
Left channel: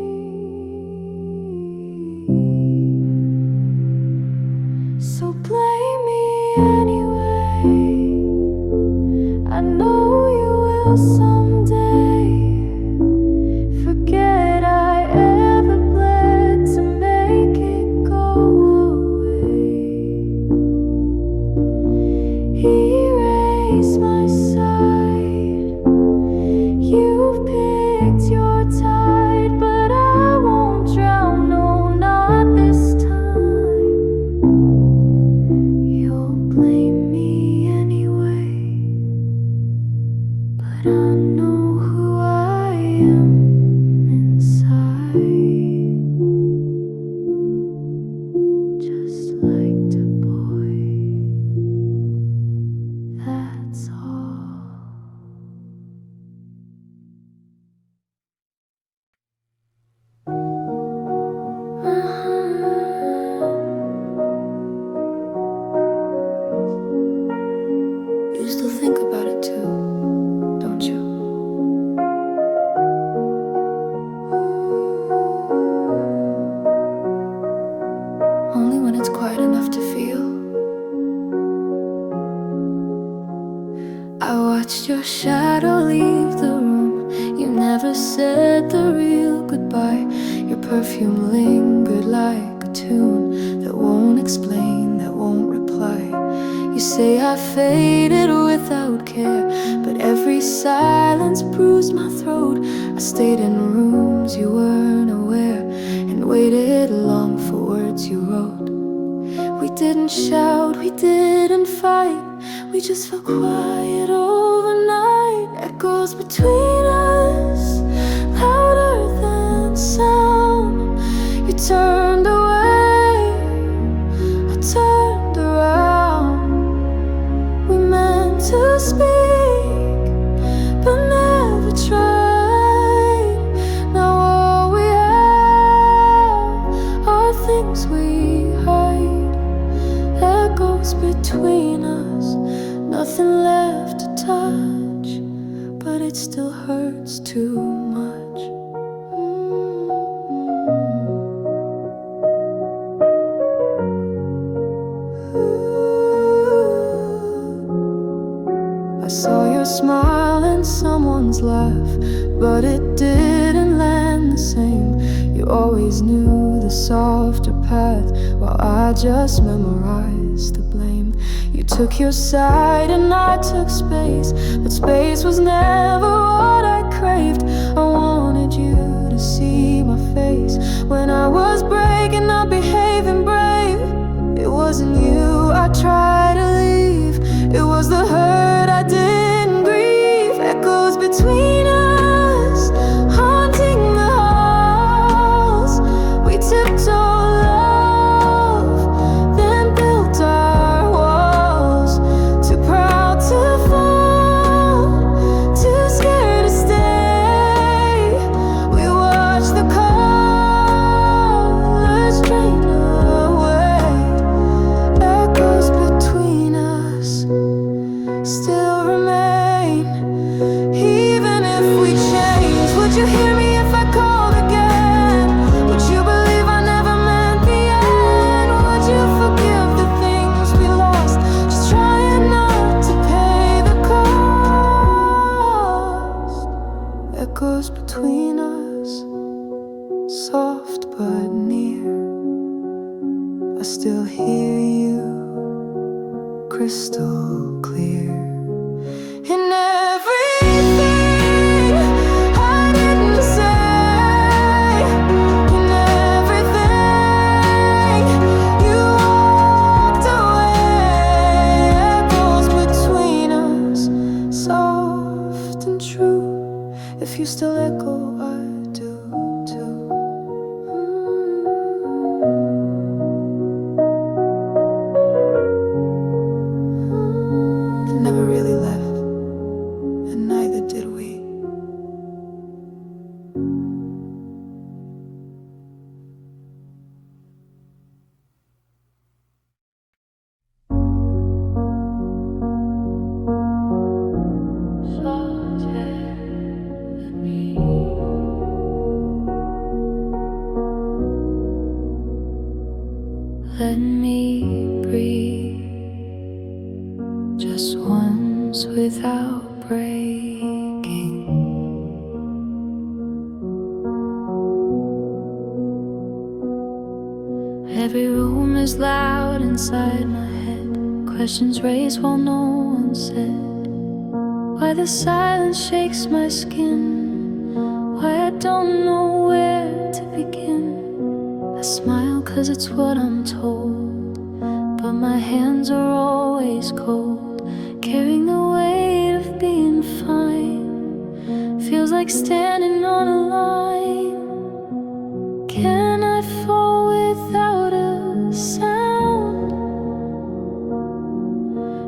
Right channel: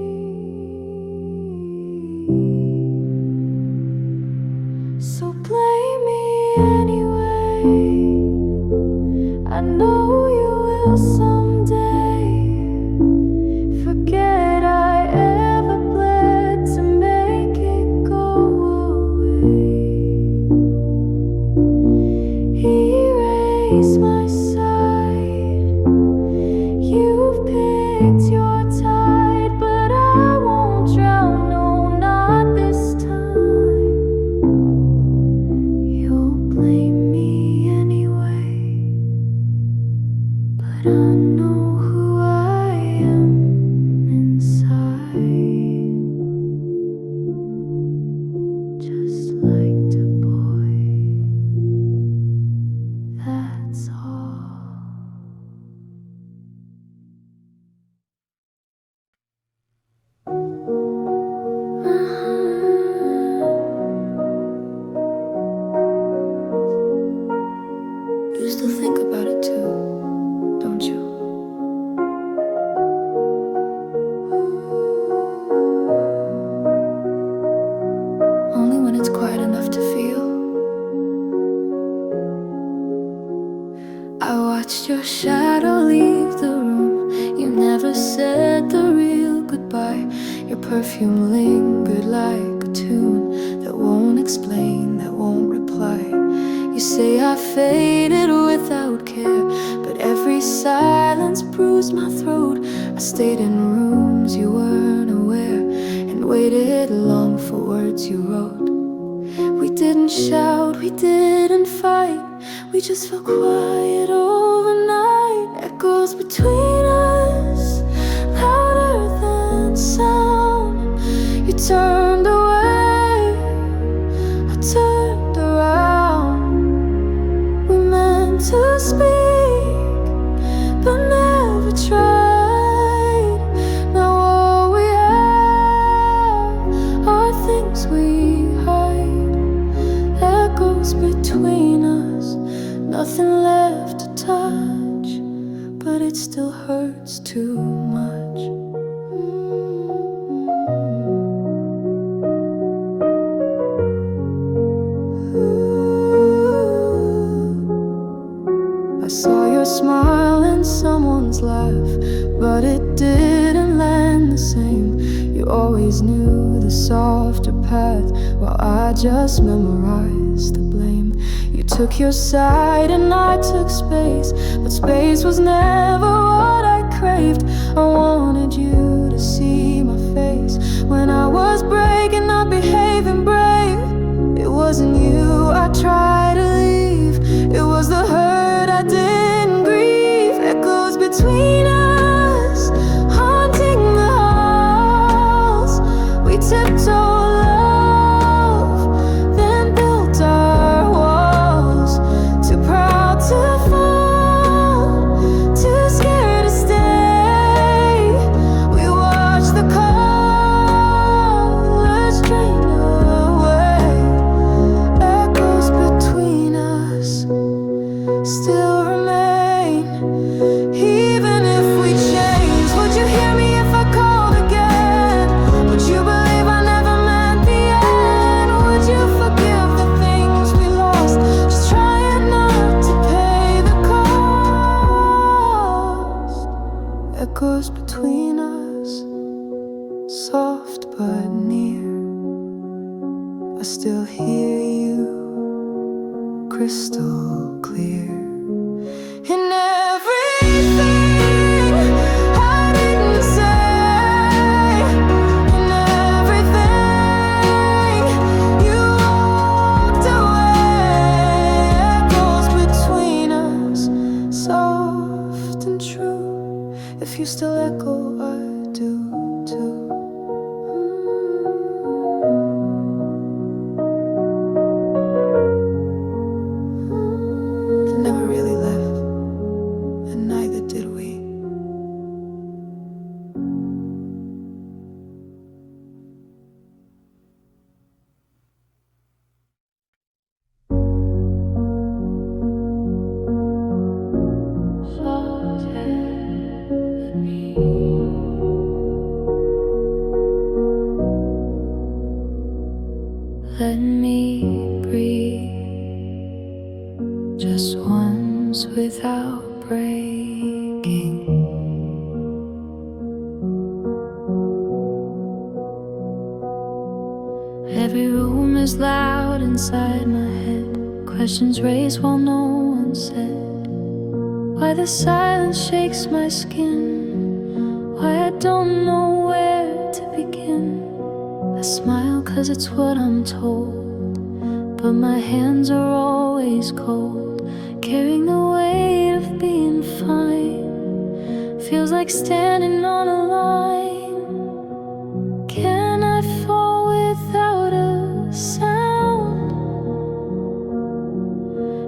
So blame me anyway. I know you will someday. Forget I ever bled to make it go away. when it's quiet enough to feel. I watched your shadow leave the room. You never said the real goodbye. Your perfume lingered like a tune that won't explain, that won't reply. You say I faded without care, but every silence bruised my throat. I stayed in rooms you weren't aware and waited long for words you wrote. We didn't shout, we didn't fight, we just felt quiet overnight. Echoes between us, louder than sound. You turned away, I turned around. We meant to speak, but never tried. Now all we have are things we hide. Echoes between us, nothing left to touch, but it still hurts too much. I saw your smile and someone's laugh, but it didn't land the same. You always knew the softer path, while I just memorized the blame. You took your side and I took space, but space was never what I craved. I wanted you to see my face when I was breaking up, behaving brave. It wasn't you I tried to leave, it was the hurt I didn't grieve. Echoes between us, haunting the halls. We tiptoed love, then built our walls. Too proud to fall, too scared to stay. We watched the colors drain away. Echoes between us still remain. Even if we change, would you hear me if I called again? Would you believe I never meant the end? Would you forgive the things we lost? Just trying not to pay the cost. Echoes between us, soft but near. I still hear you crystal clear. In everything I didn't say, in everything you walked away. Echoes between us, soft and true. If you still echo, I do too. Never really left, and neither did we. Let me breathe just once without breaking. Every room is loud inside my head. Questions raised while no one said. Why the silence shakes my skin. Why I don't know where to begin. I smile 'cause it's what I'm told, but my hands are always cold, carrying the weight of being fine. Feels like standing on a line. Can I fall without a sound?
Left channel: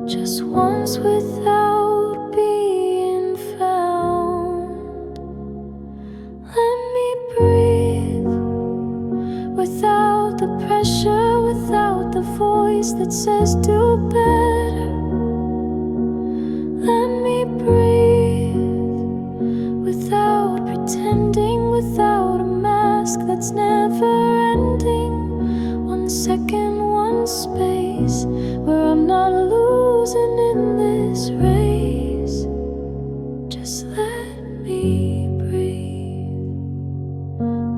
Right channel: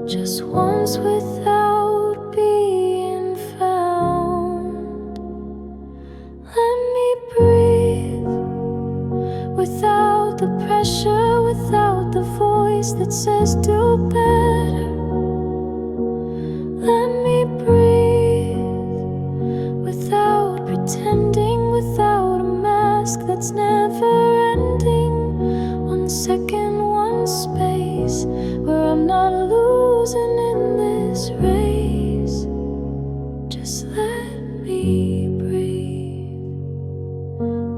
Just once without being found. Let me breathe without the pressure, without the voice that says do better. Let me breathe without pretending, without a mask that's never ending. 1 second, space where I'm not losing in this race. Just let me breathe.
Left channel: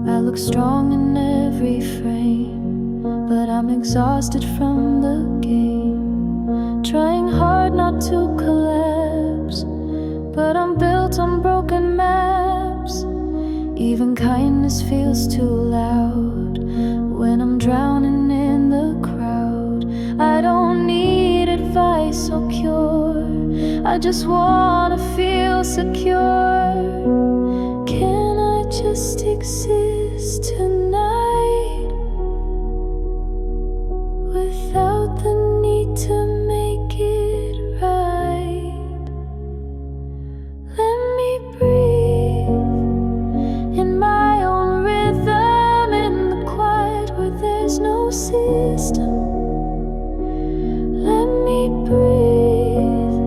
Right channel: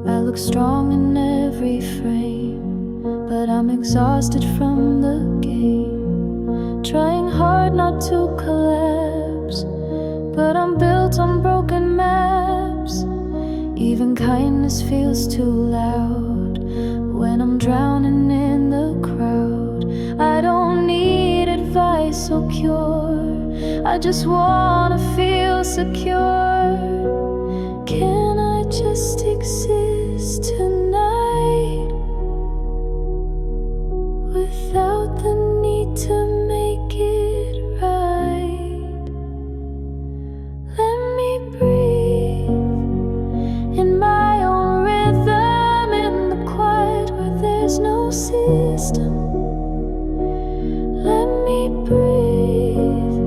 I look strong in every frame, but I'm exhausted from the game. Trying hard not to collapse, but I'm built on broken maps. Even kindness feels too loud when I'm drowning in the crowd. I don't need advice or cure, I just wanna feel secure. Can I just exist tonight without the need to make it right? Let me breathe in my own rhythm, in the quiet where there's no system. Let me breathe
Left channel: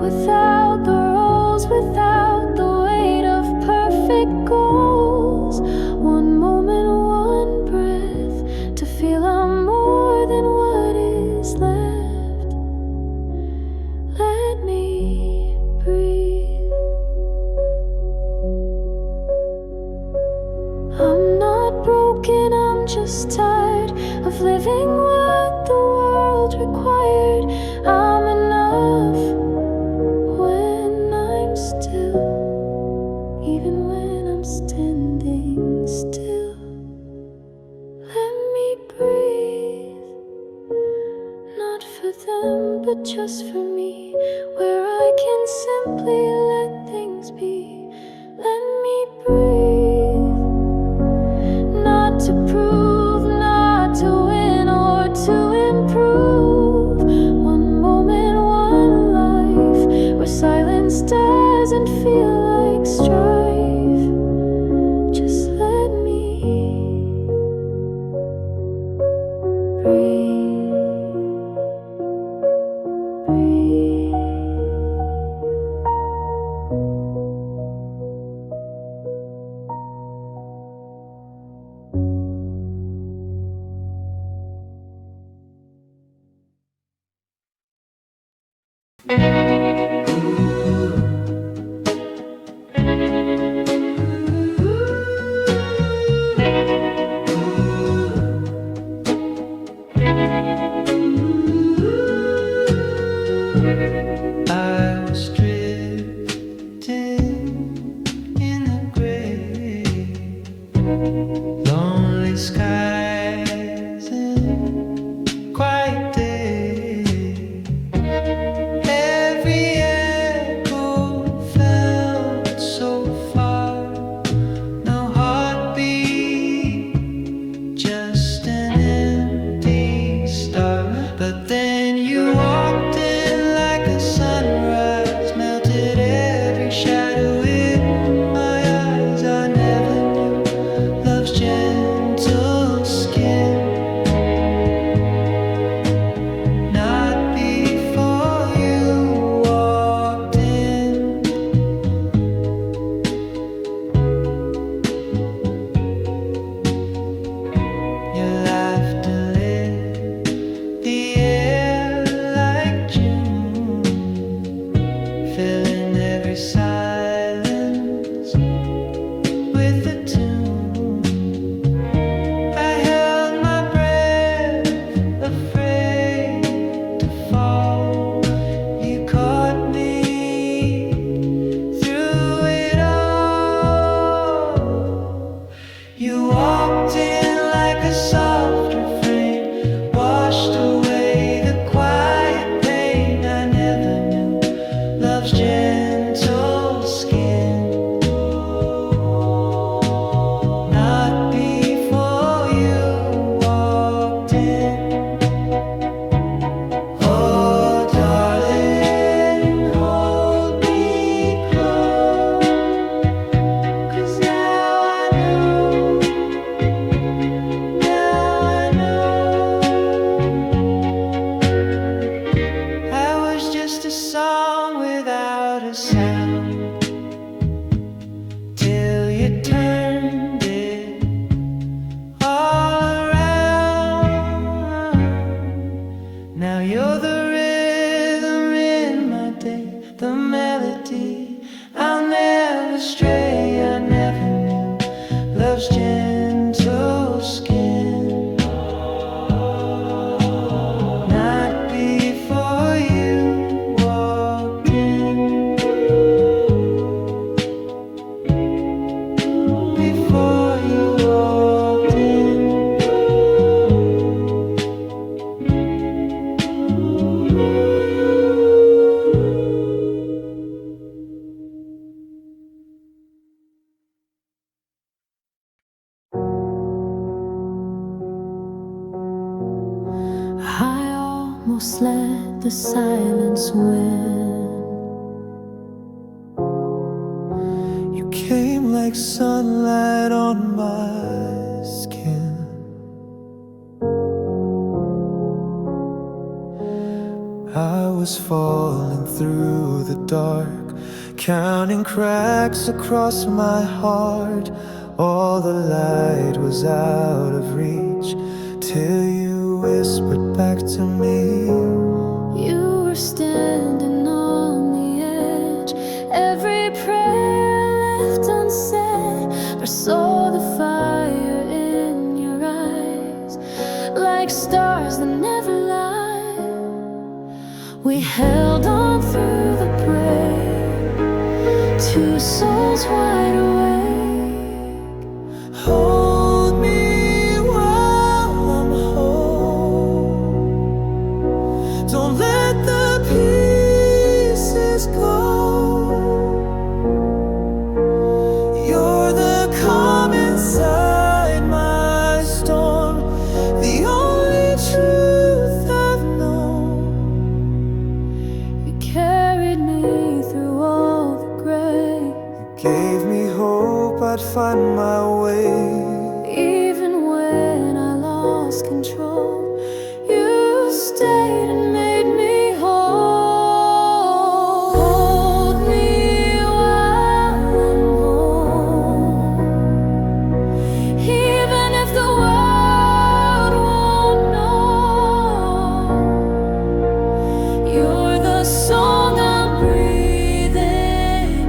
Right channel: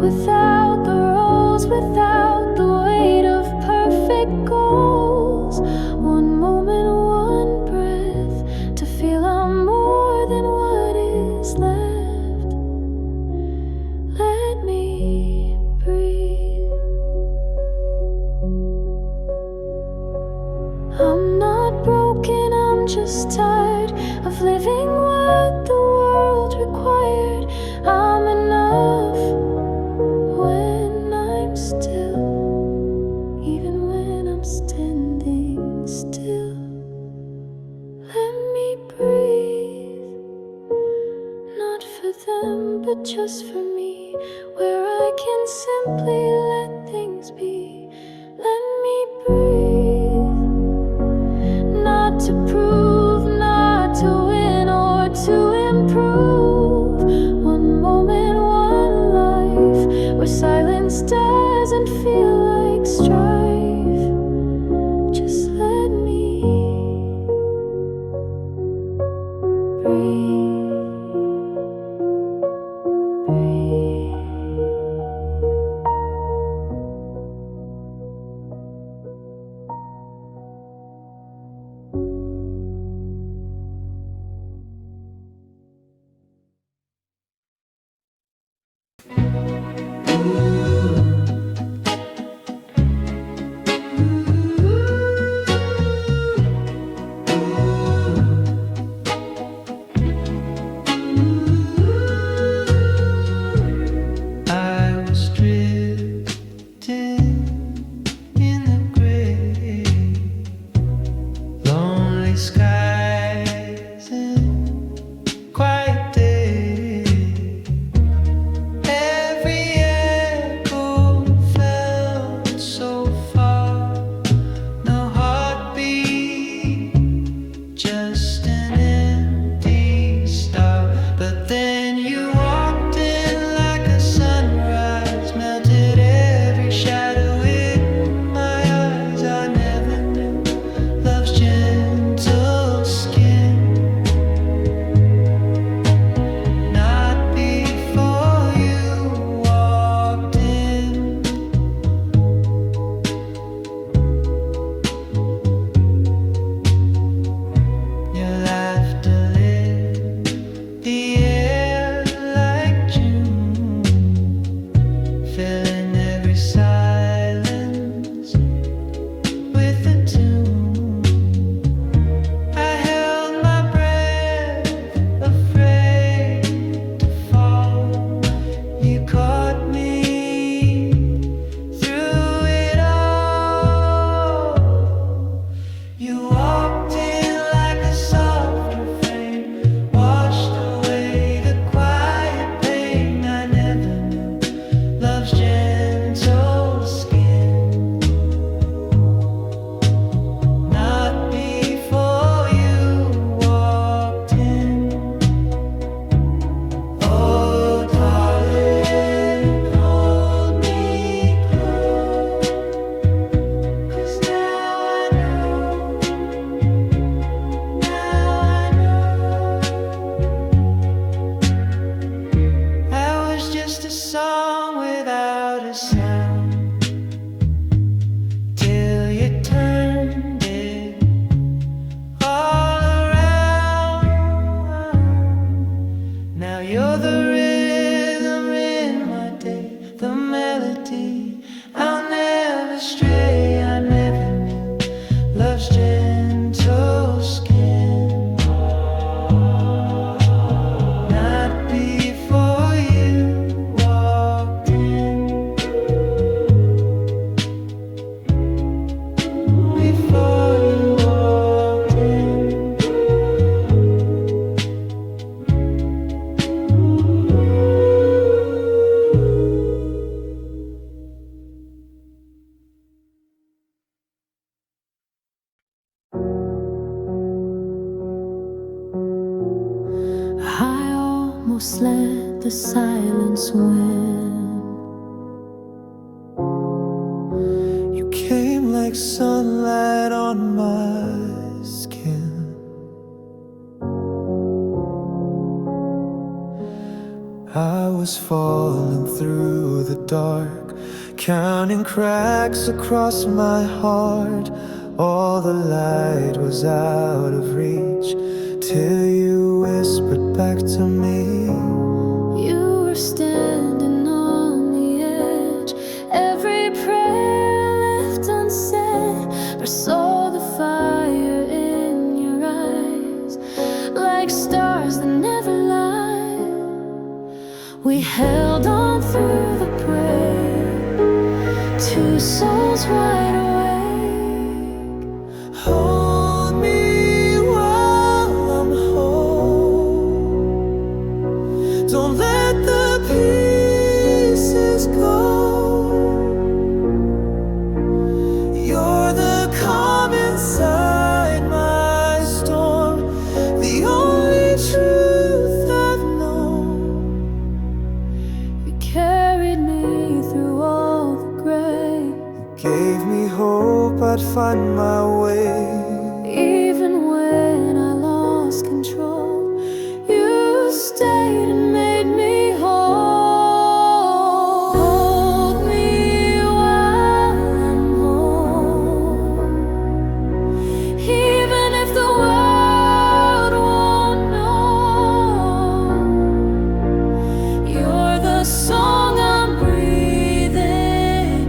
without the rules, without the weight of perfect goals. One moment, one breath, to feel I'm more than what is left. Let me breathe. I'm not broken, I'm just tired of living what the world required. I'm enough when I'm still, even when I'm standing still. Let me breathe, not for them, but just for me, where I can simply let things be. Let me breathe, not to prove, not to win or to improve. One moment, one life, where silence doesn't feel like strife. Just let me breathe, breathe. I was drifting in the gray, lonely skies and quiet day. Every echo felt so far, no heartbeat, just an empty star. But then you walked in like a sunrise, melted every shadow in my eyes. I never knew love's gentle skin. Not before you walked in. Your laughter lit the air like June, filling every silence with a tune. I held my breath, afraid to fall. You caught me through it all. You walked in like a soft refrain, washed away the quiet pain. I never knew love's gentle skin. Not before you walked in. Oh, darling, hold me close, 'cause now I know gentle skin. Not before you walked in. Before you walked in. I almost let the silence win. You came like sunlight on my skin. I was falling through the dark, counting cracks across my heart. All the light was out of reach, till you whispered back to me. You were standing on the edge, every prayer left unsaid. I saw the fire in your eyes, like stars that never lie. We held on through the break, two souls wide awake. Hold me while I'm whole. Don't let the pieces go. You're the calm inside my storm, the only truth I've known. You carried me through all the gray, Gave me hope I'd find my way. even when I lost control. You stayed and made me whole. Hold me while I'm home, even if the world won't know. You're the song I'm breathing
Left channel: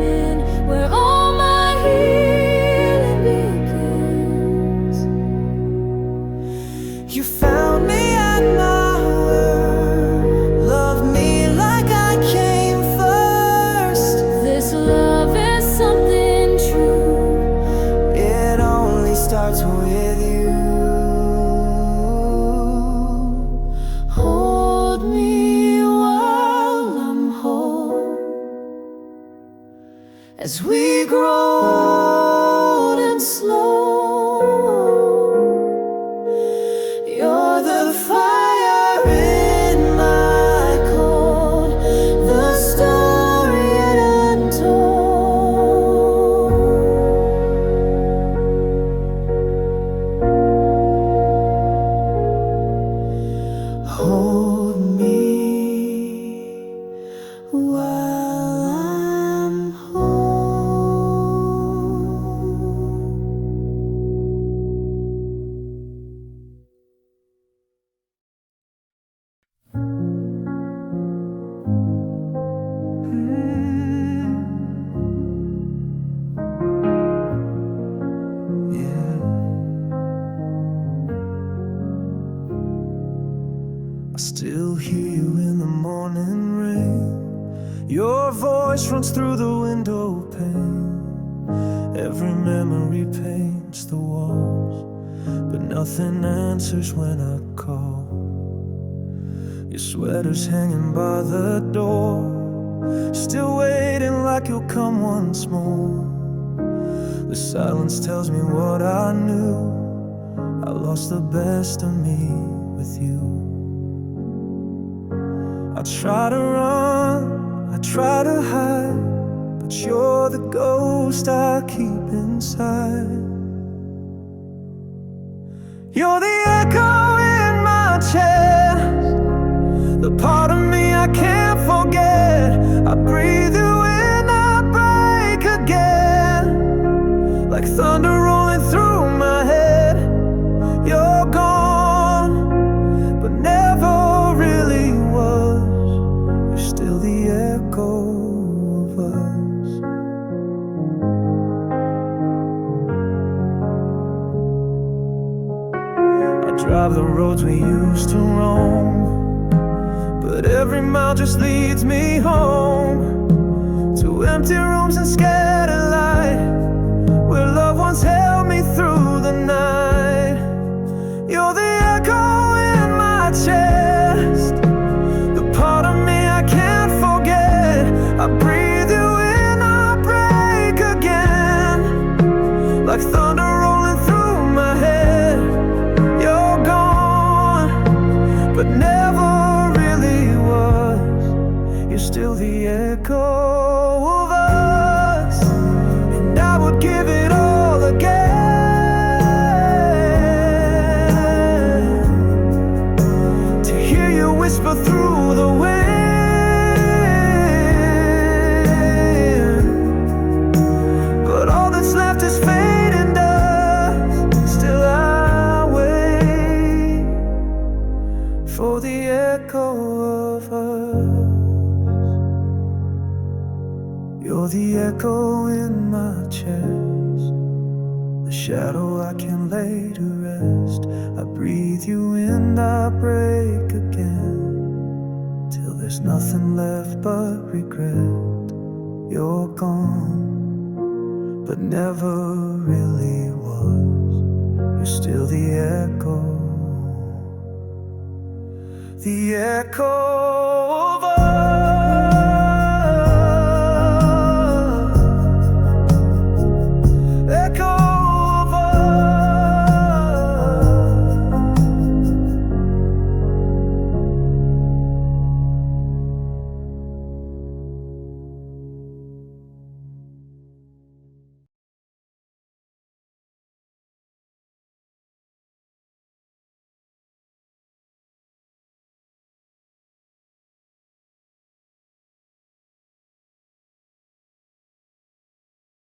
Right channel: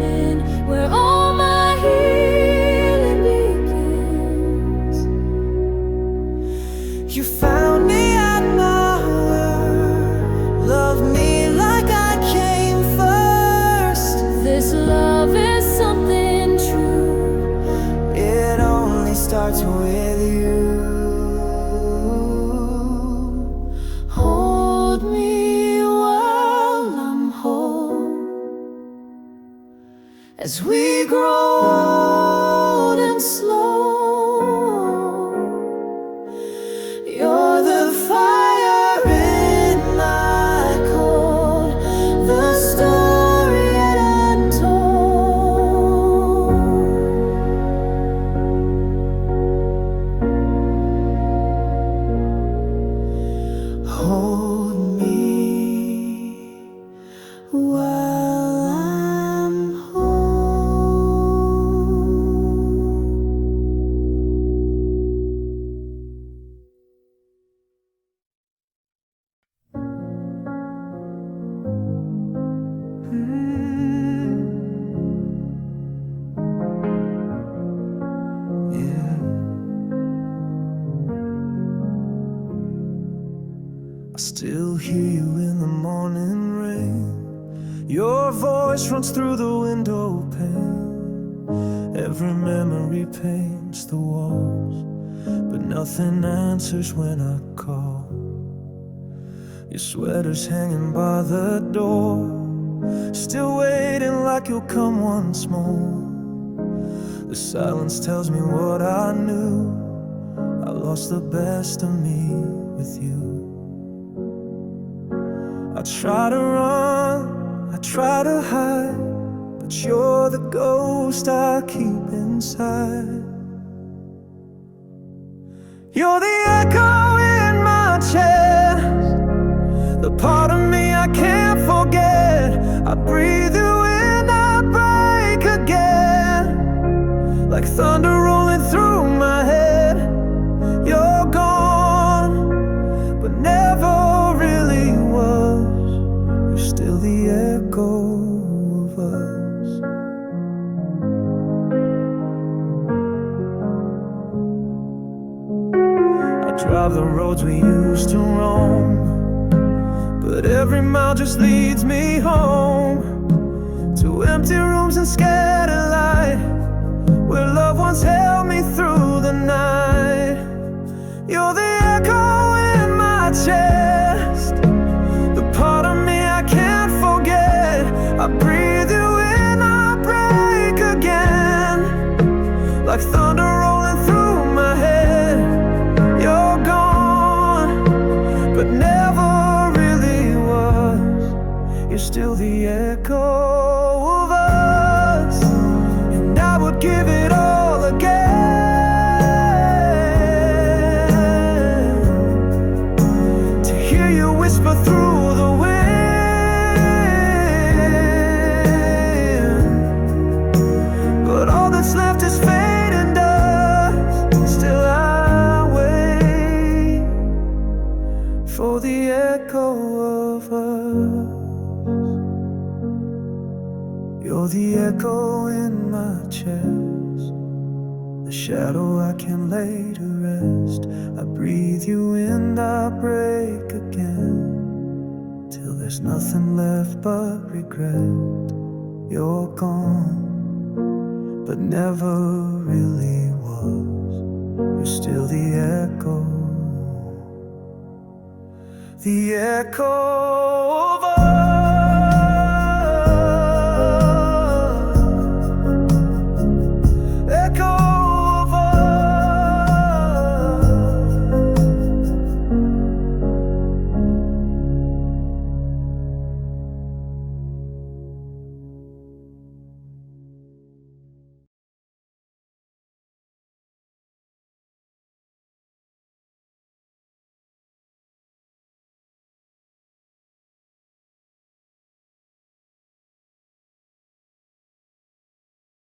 in, where all my healing begins. You found me at my worst. Love me like I came first. This love is something true. It only starts with you. Hold me while I'm whole, as we grow old and slow. You're the fire in my cold, the story yet untold. Hold me while I'm whole. Yeah. I still hear you in the morning rain. Your voice runs through the window pane. Every memory paints the walls, but nothing answers when I call. Your sweater's hanging by the door, still waiting like you'll come once more. The silence tells me what I knew. I lost the best of me with you. I try to run, I try to hide, but you're the ghost I keep inside. You're the echo in my chest, the part of me I can't forget. I breathe you in, I break again, like thunder rolling through my head. You're gone, but never really was. You're still the echo of us. drive the roads we used to roam, but every mile just leads me home to empty rooms and scattered light, where loved ones held me through the night. You're the echo in my chest, the part of me I can't forget. I breathe you in, I break again, like thunder rolling through my head. You're gone, but never really was. You're still the echo of us, and I would give it all again to hear you whisper through the wind. But all that's left is fate and dust. Still I wait for the echo of us. You're the echo in my chest, the shadow I can lay to rest. I breathe you in, I break again, till there's nothing left but regret. You're gone, but never really was. You're still the echo of us.